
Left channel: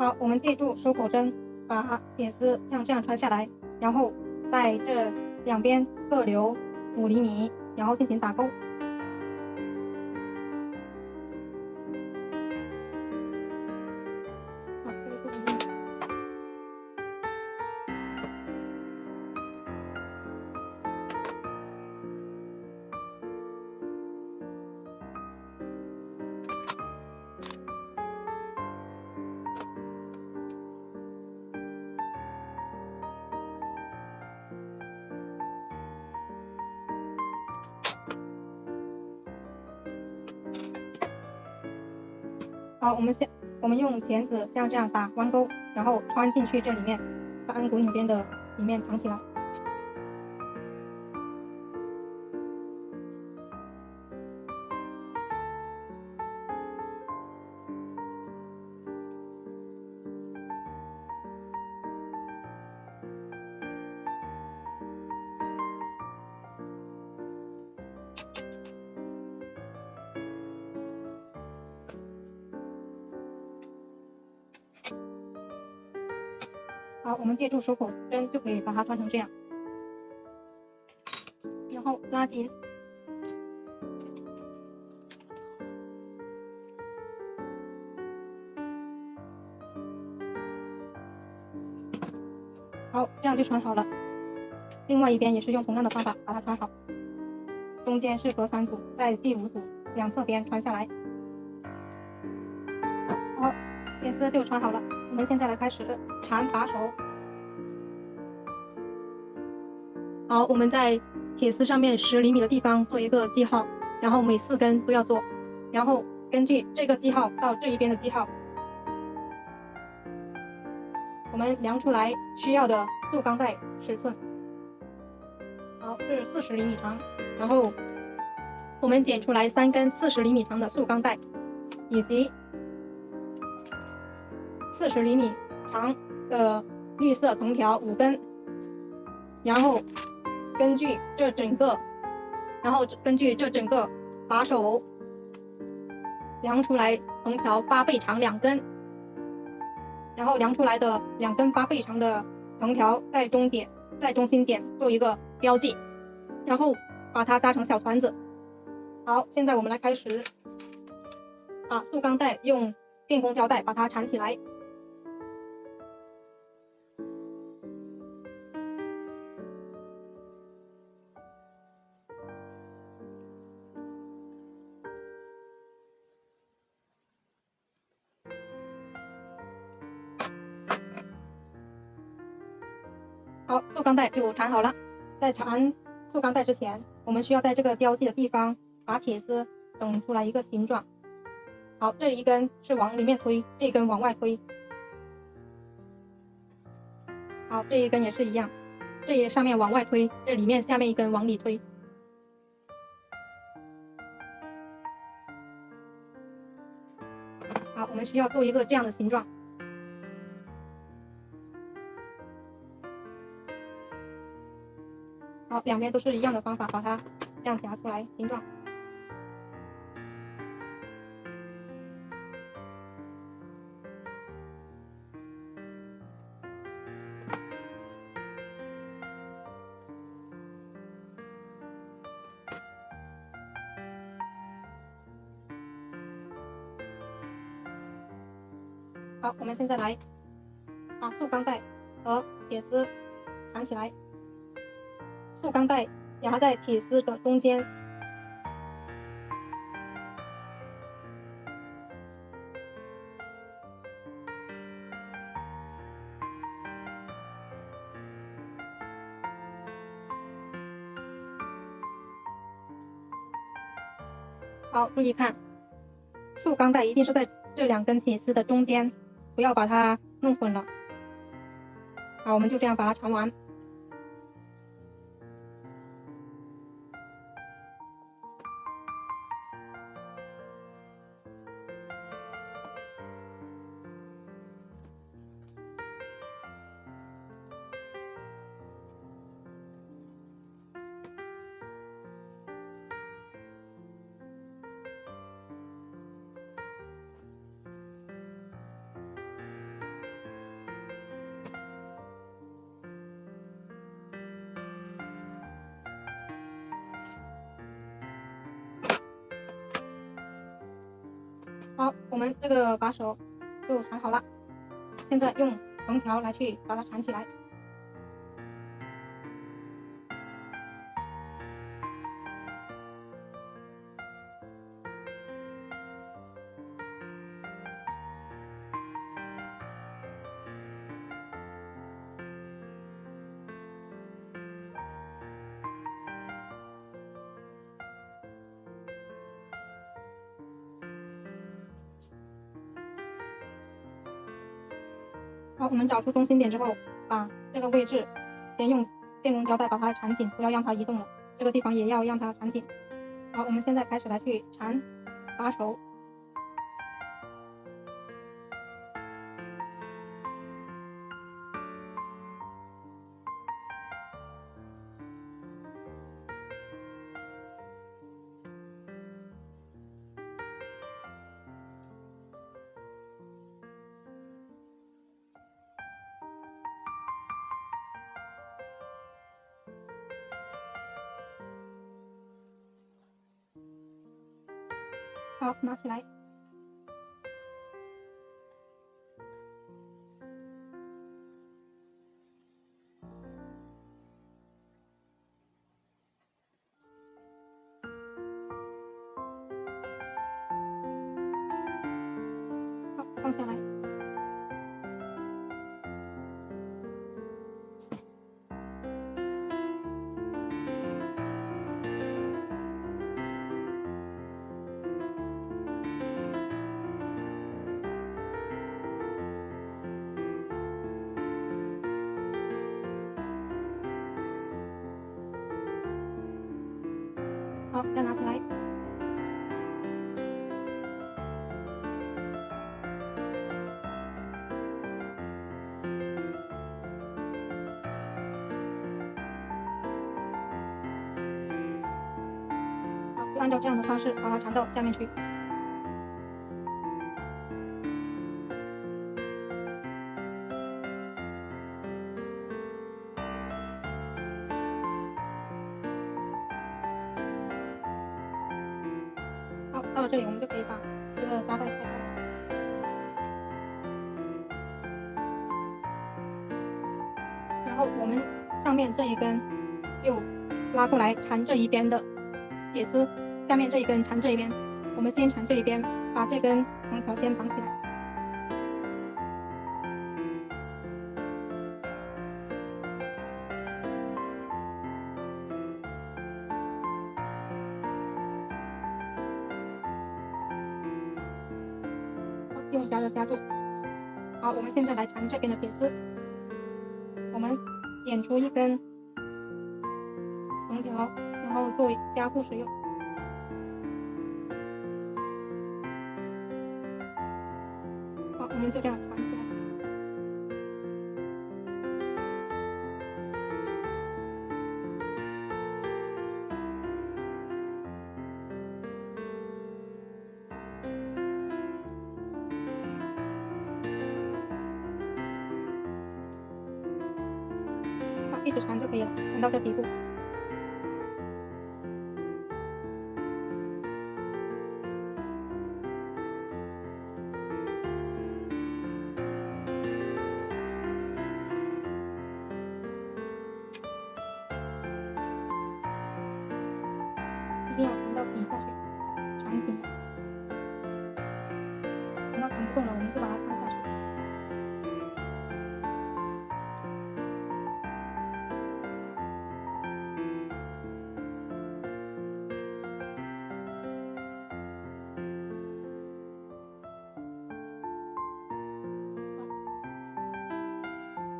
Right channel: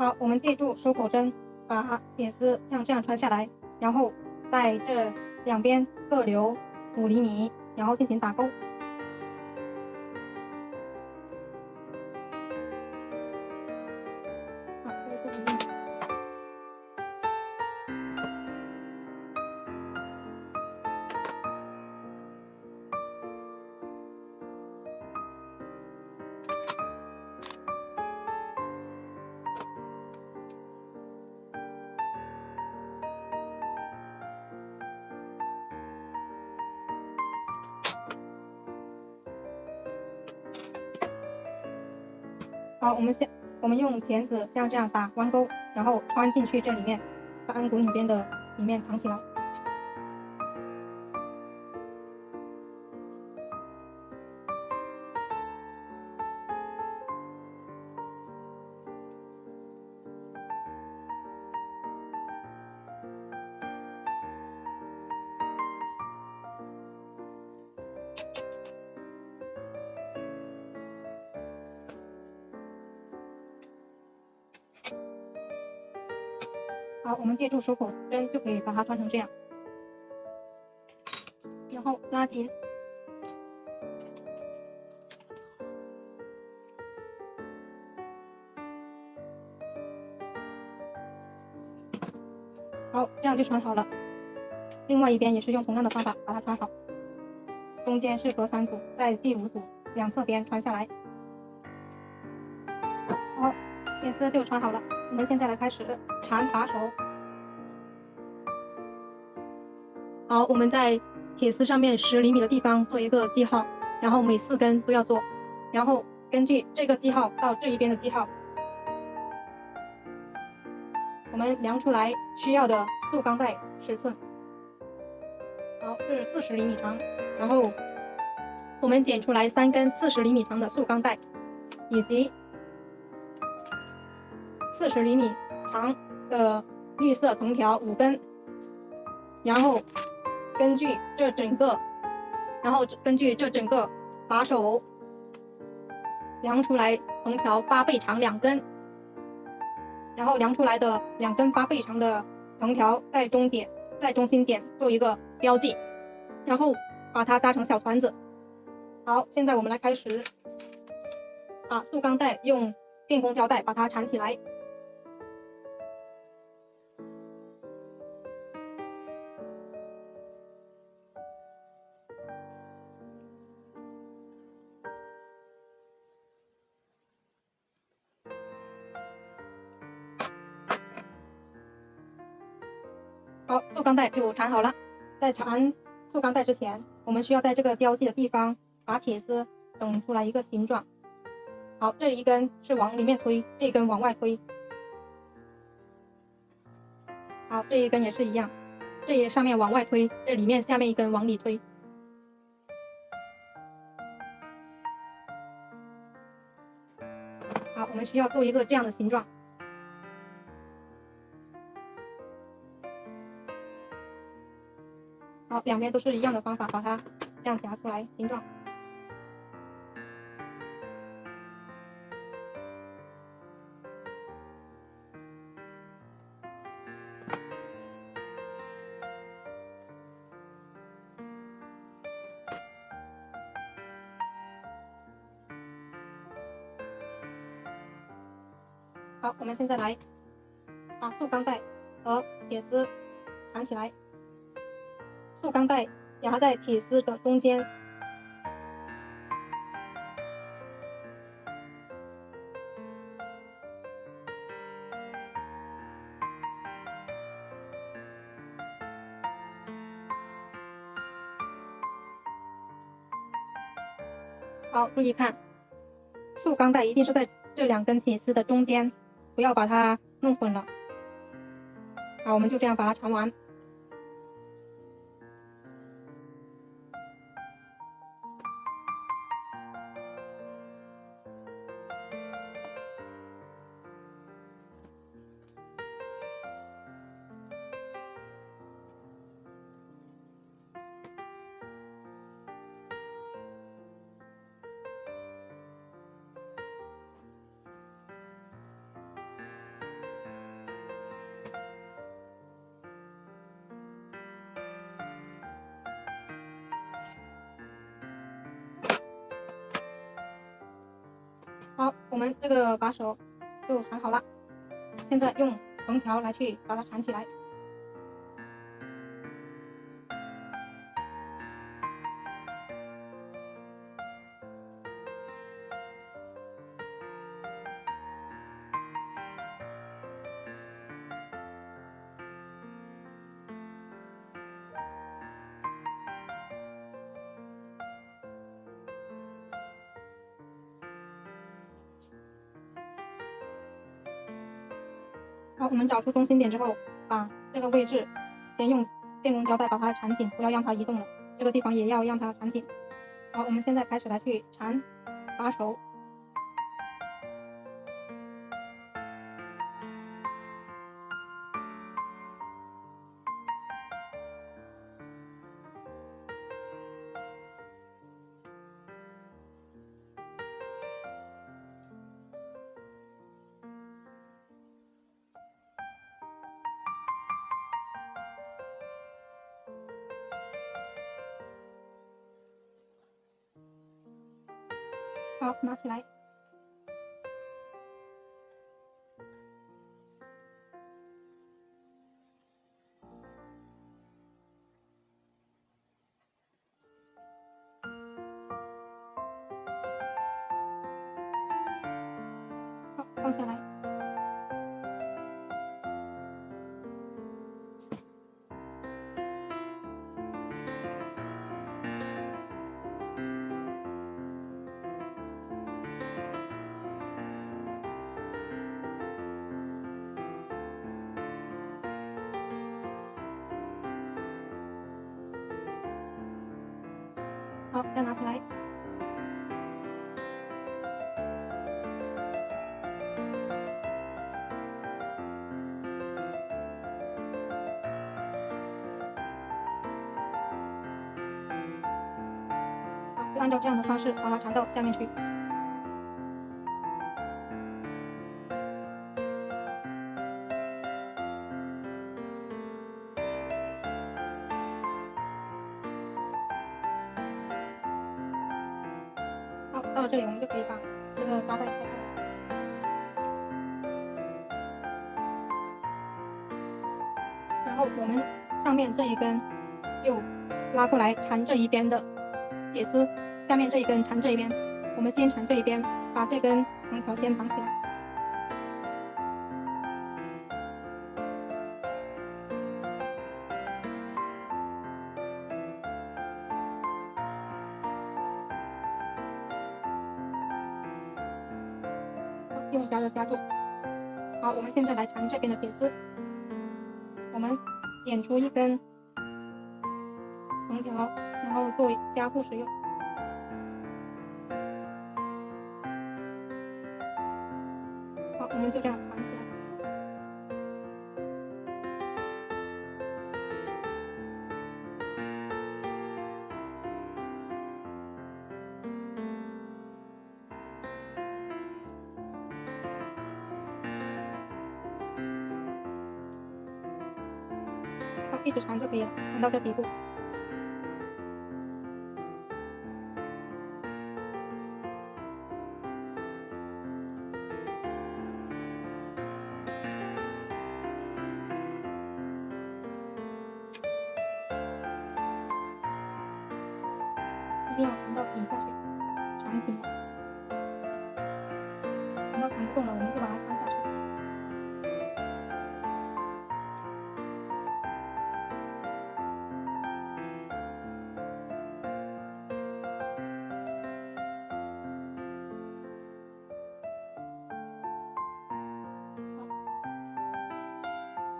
好，我们借助收口针把铁丝像这样穿下来，然后在这两边各留5厘米，然后进行打钩。好，这个不一样。好，我们用钳子像这样打弯钩，然后穿进去这里面3股纽边的里面藏起来。好，我们借助收口针就可以把它穿成这样，然后拉紧。好，这样就穿好了。另外一边也是用同样的方法把它穿好，中间是隔3组，在第5组2侧边穿下来。好，铁丝就穿好了。我们现在来开始缠把手。好，我们在铁丝上面10厘米的地方做一个记号，然后每4根都要做，然后根据这个记号到这一边的记号，我们量出来需要的速钢带尺寸。好，是40厘米长，然后我们剪出来3根40厘米长的速钢带，以及40厘米长的绿色藤条5根，然后根据这整个把手量出来藤条8倍长2根，然后量出来的2根8倍长的藤条在中心点做一个标记，然后把它扎成小团子。好，现在我们来开始把速钢带用电工胶带把它缠起来。好，速钢带就缠好了。在缠速钢带之前，我们需要在这个标记的地方把铁丝整出来一个形状。好，这一根是往里面推，这一根往外推。好，这一根也是一样，这上面往外推，这里面下面一根往里推。好，我们需要做一个这样的形状。好，两边都是一样的方法，把它这样夹出来形状。好，我们现在来把速钢带和铁丝缠起来。速钢带夹在铁丝的中间，好，注意看，速钢带一定是在这2根铁丝的中间，不要把它弄混了。好，我们就这样把它缠完。我们这个把手就缠好了，现在用藤条来去把它缠起来。好，我们找出中心点之后，把这个位置先用电工胶带把它缠紧，不要让它移动了。这个地方也要让它缠紧。好，我们现在开始来去缠把手。好，拿起来。好，放下来。好，再拿起来。好，就按照这样的方式把它缠到下面去。好，到了这里，我们就可以把这个扎带拆开来。然后我们上面这一根就拉过来缠这一边的铁丝，下面这一根缠这一边。我们先缠这一边，把这根藤条先绑起来。用夹子夹住。好，我们现在来缠这边的铁丝。我们剪出一根藤条，然后作为加固使用。好，我们就这样缠起来。好，一直缠就可以了，缠到这底部。一定要缠到底下去，缠紧了。缠到缠不动了，我们就把它穿下去。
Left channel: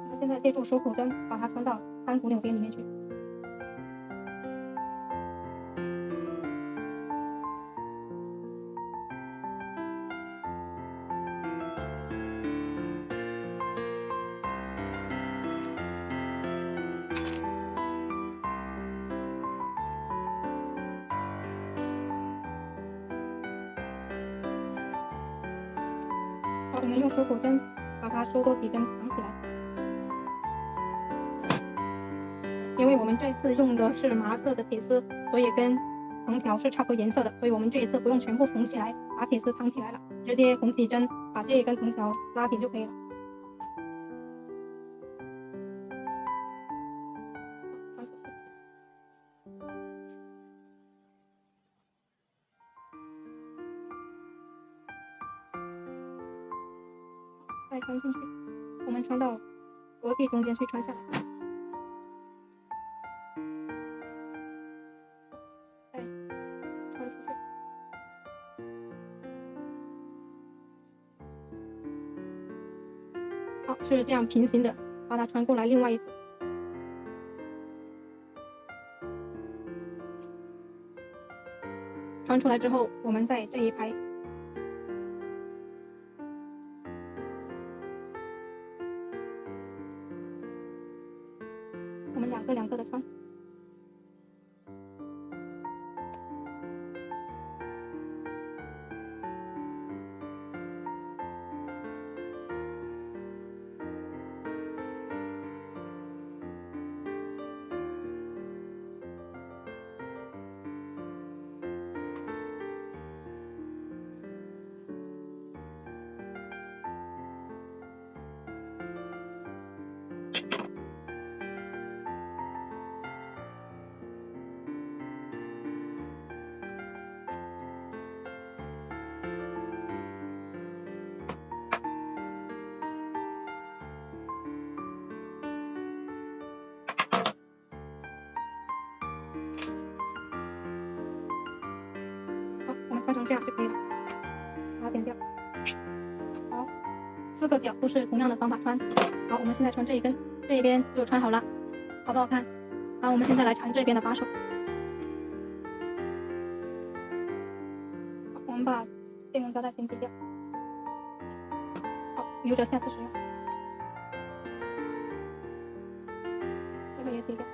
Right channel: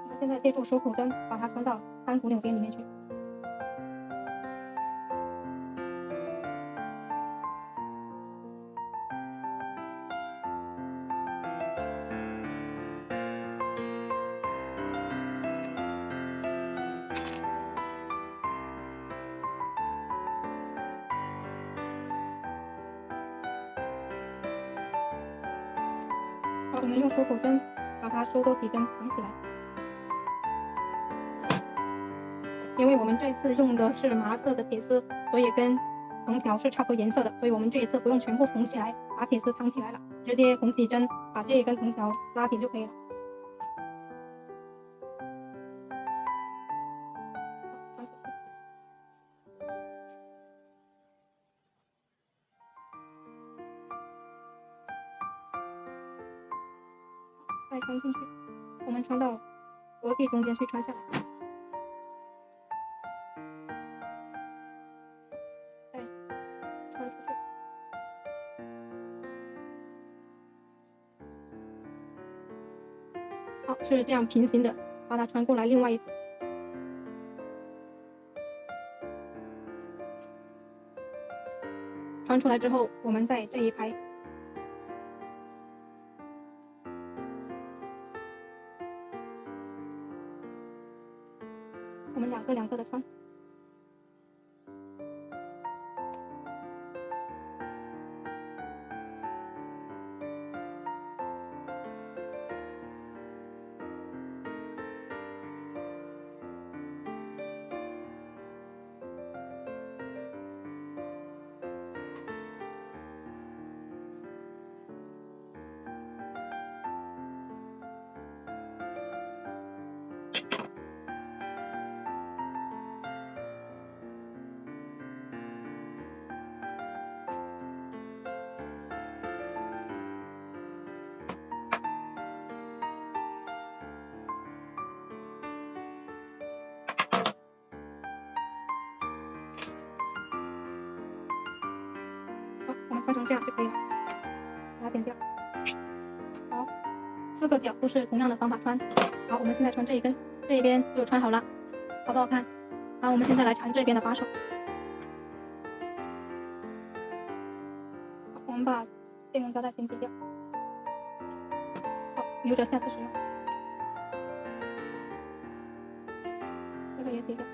我们现在借助手口针把它穿到单股纽边里面去。好，我们用手口针把它收多几根绑起来。因为我们这次用的是麻色的铁丝，所以跟藤条是差不多颜色的，所以我们这一次不用全部缝起来，把铁丝藏起来了，直接缝起针，把这一根藤条拉紧就可以了。再穿进去，我们穿到隔壁中间去穿下来，再穿出去。好，是这样平行的，把它穿过来另外一组。穿出来之后，我们在这一排我们两个的穿。好，我们穿成这样就可以了，把它点掉。好，4个角都是同样的方法穿。好，我们现在穿这一根，这一边就穿好了，好不好看？好，我们现在来缠这边的把手。好，我们把电工胶带先剪掉，好，留着下次使用。这个也剪掉。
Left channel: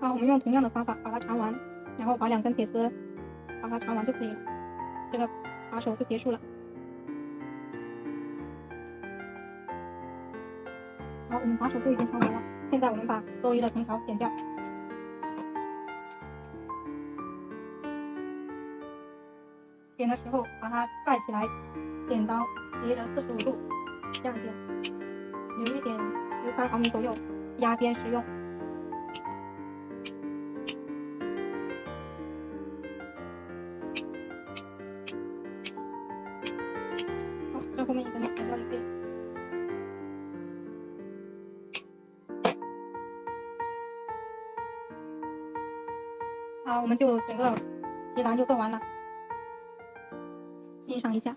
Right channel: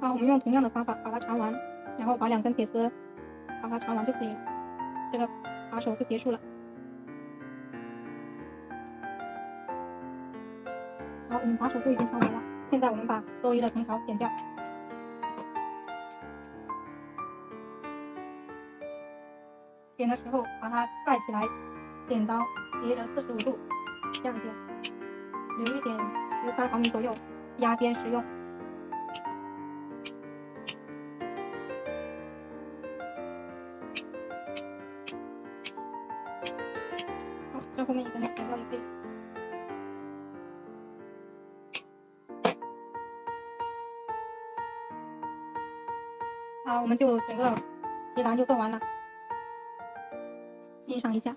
好，我们用同样的方法把它缠完，然后把2根铁丝把它缠完就可以了，这个把手就结束了。好，我们把手都已经缠完了，现在我们把多余的藤条剪掉。剪的时候把它盖起来，剪刀斜着45度，这样剪，留一点，留3毫米左右，压边使用。好，这后面一根剪掉也可以。好，我们就整个提篮就做完了，欣赏一下。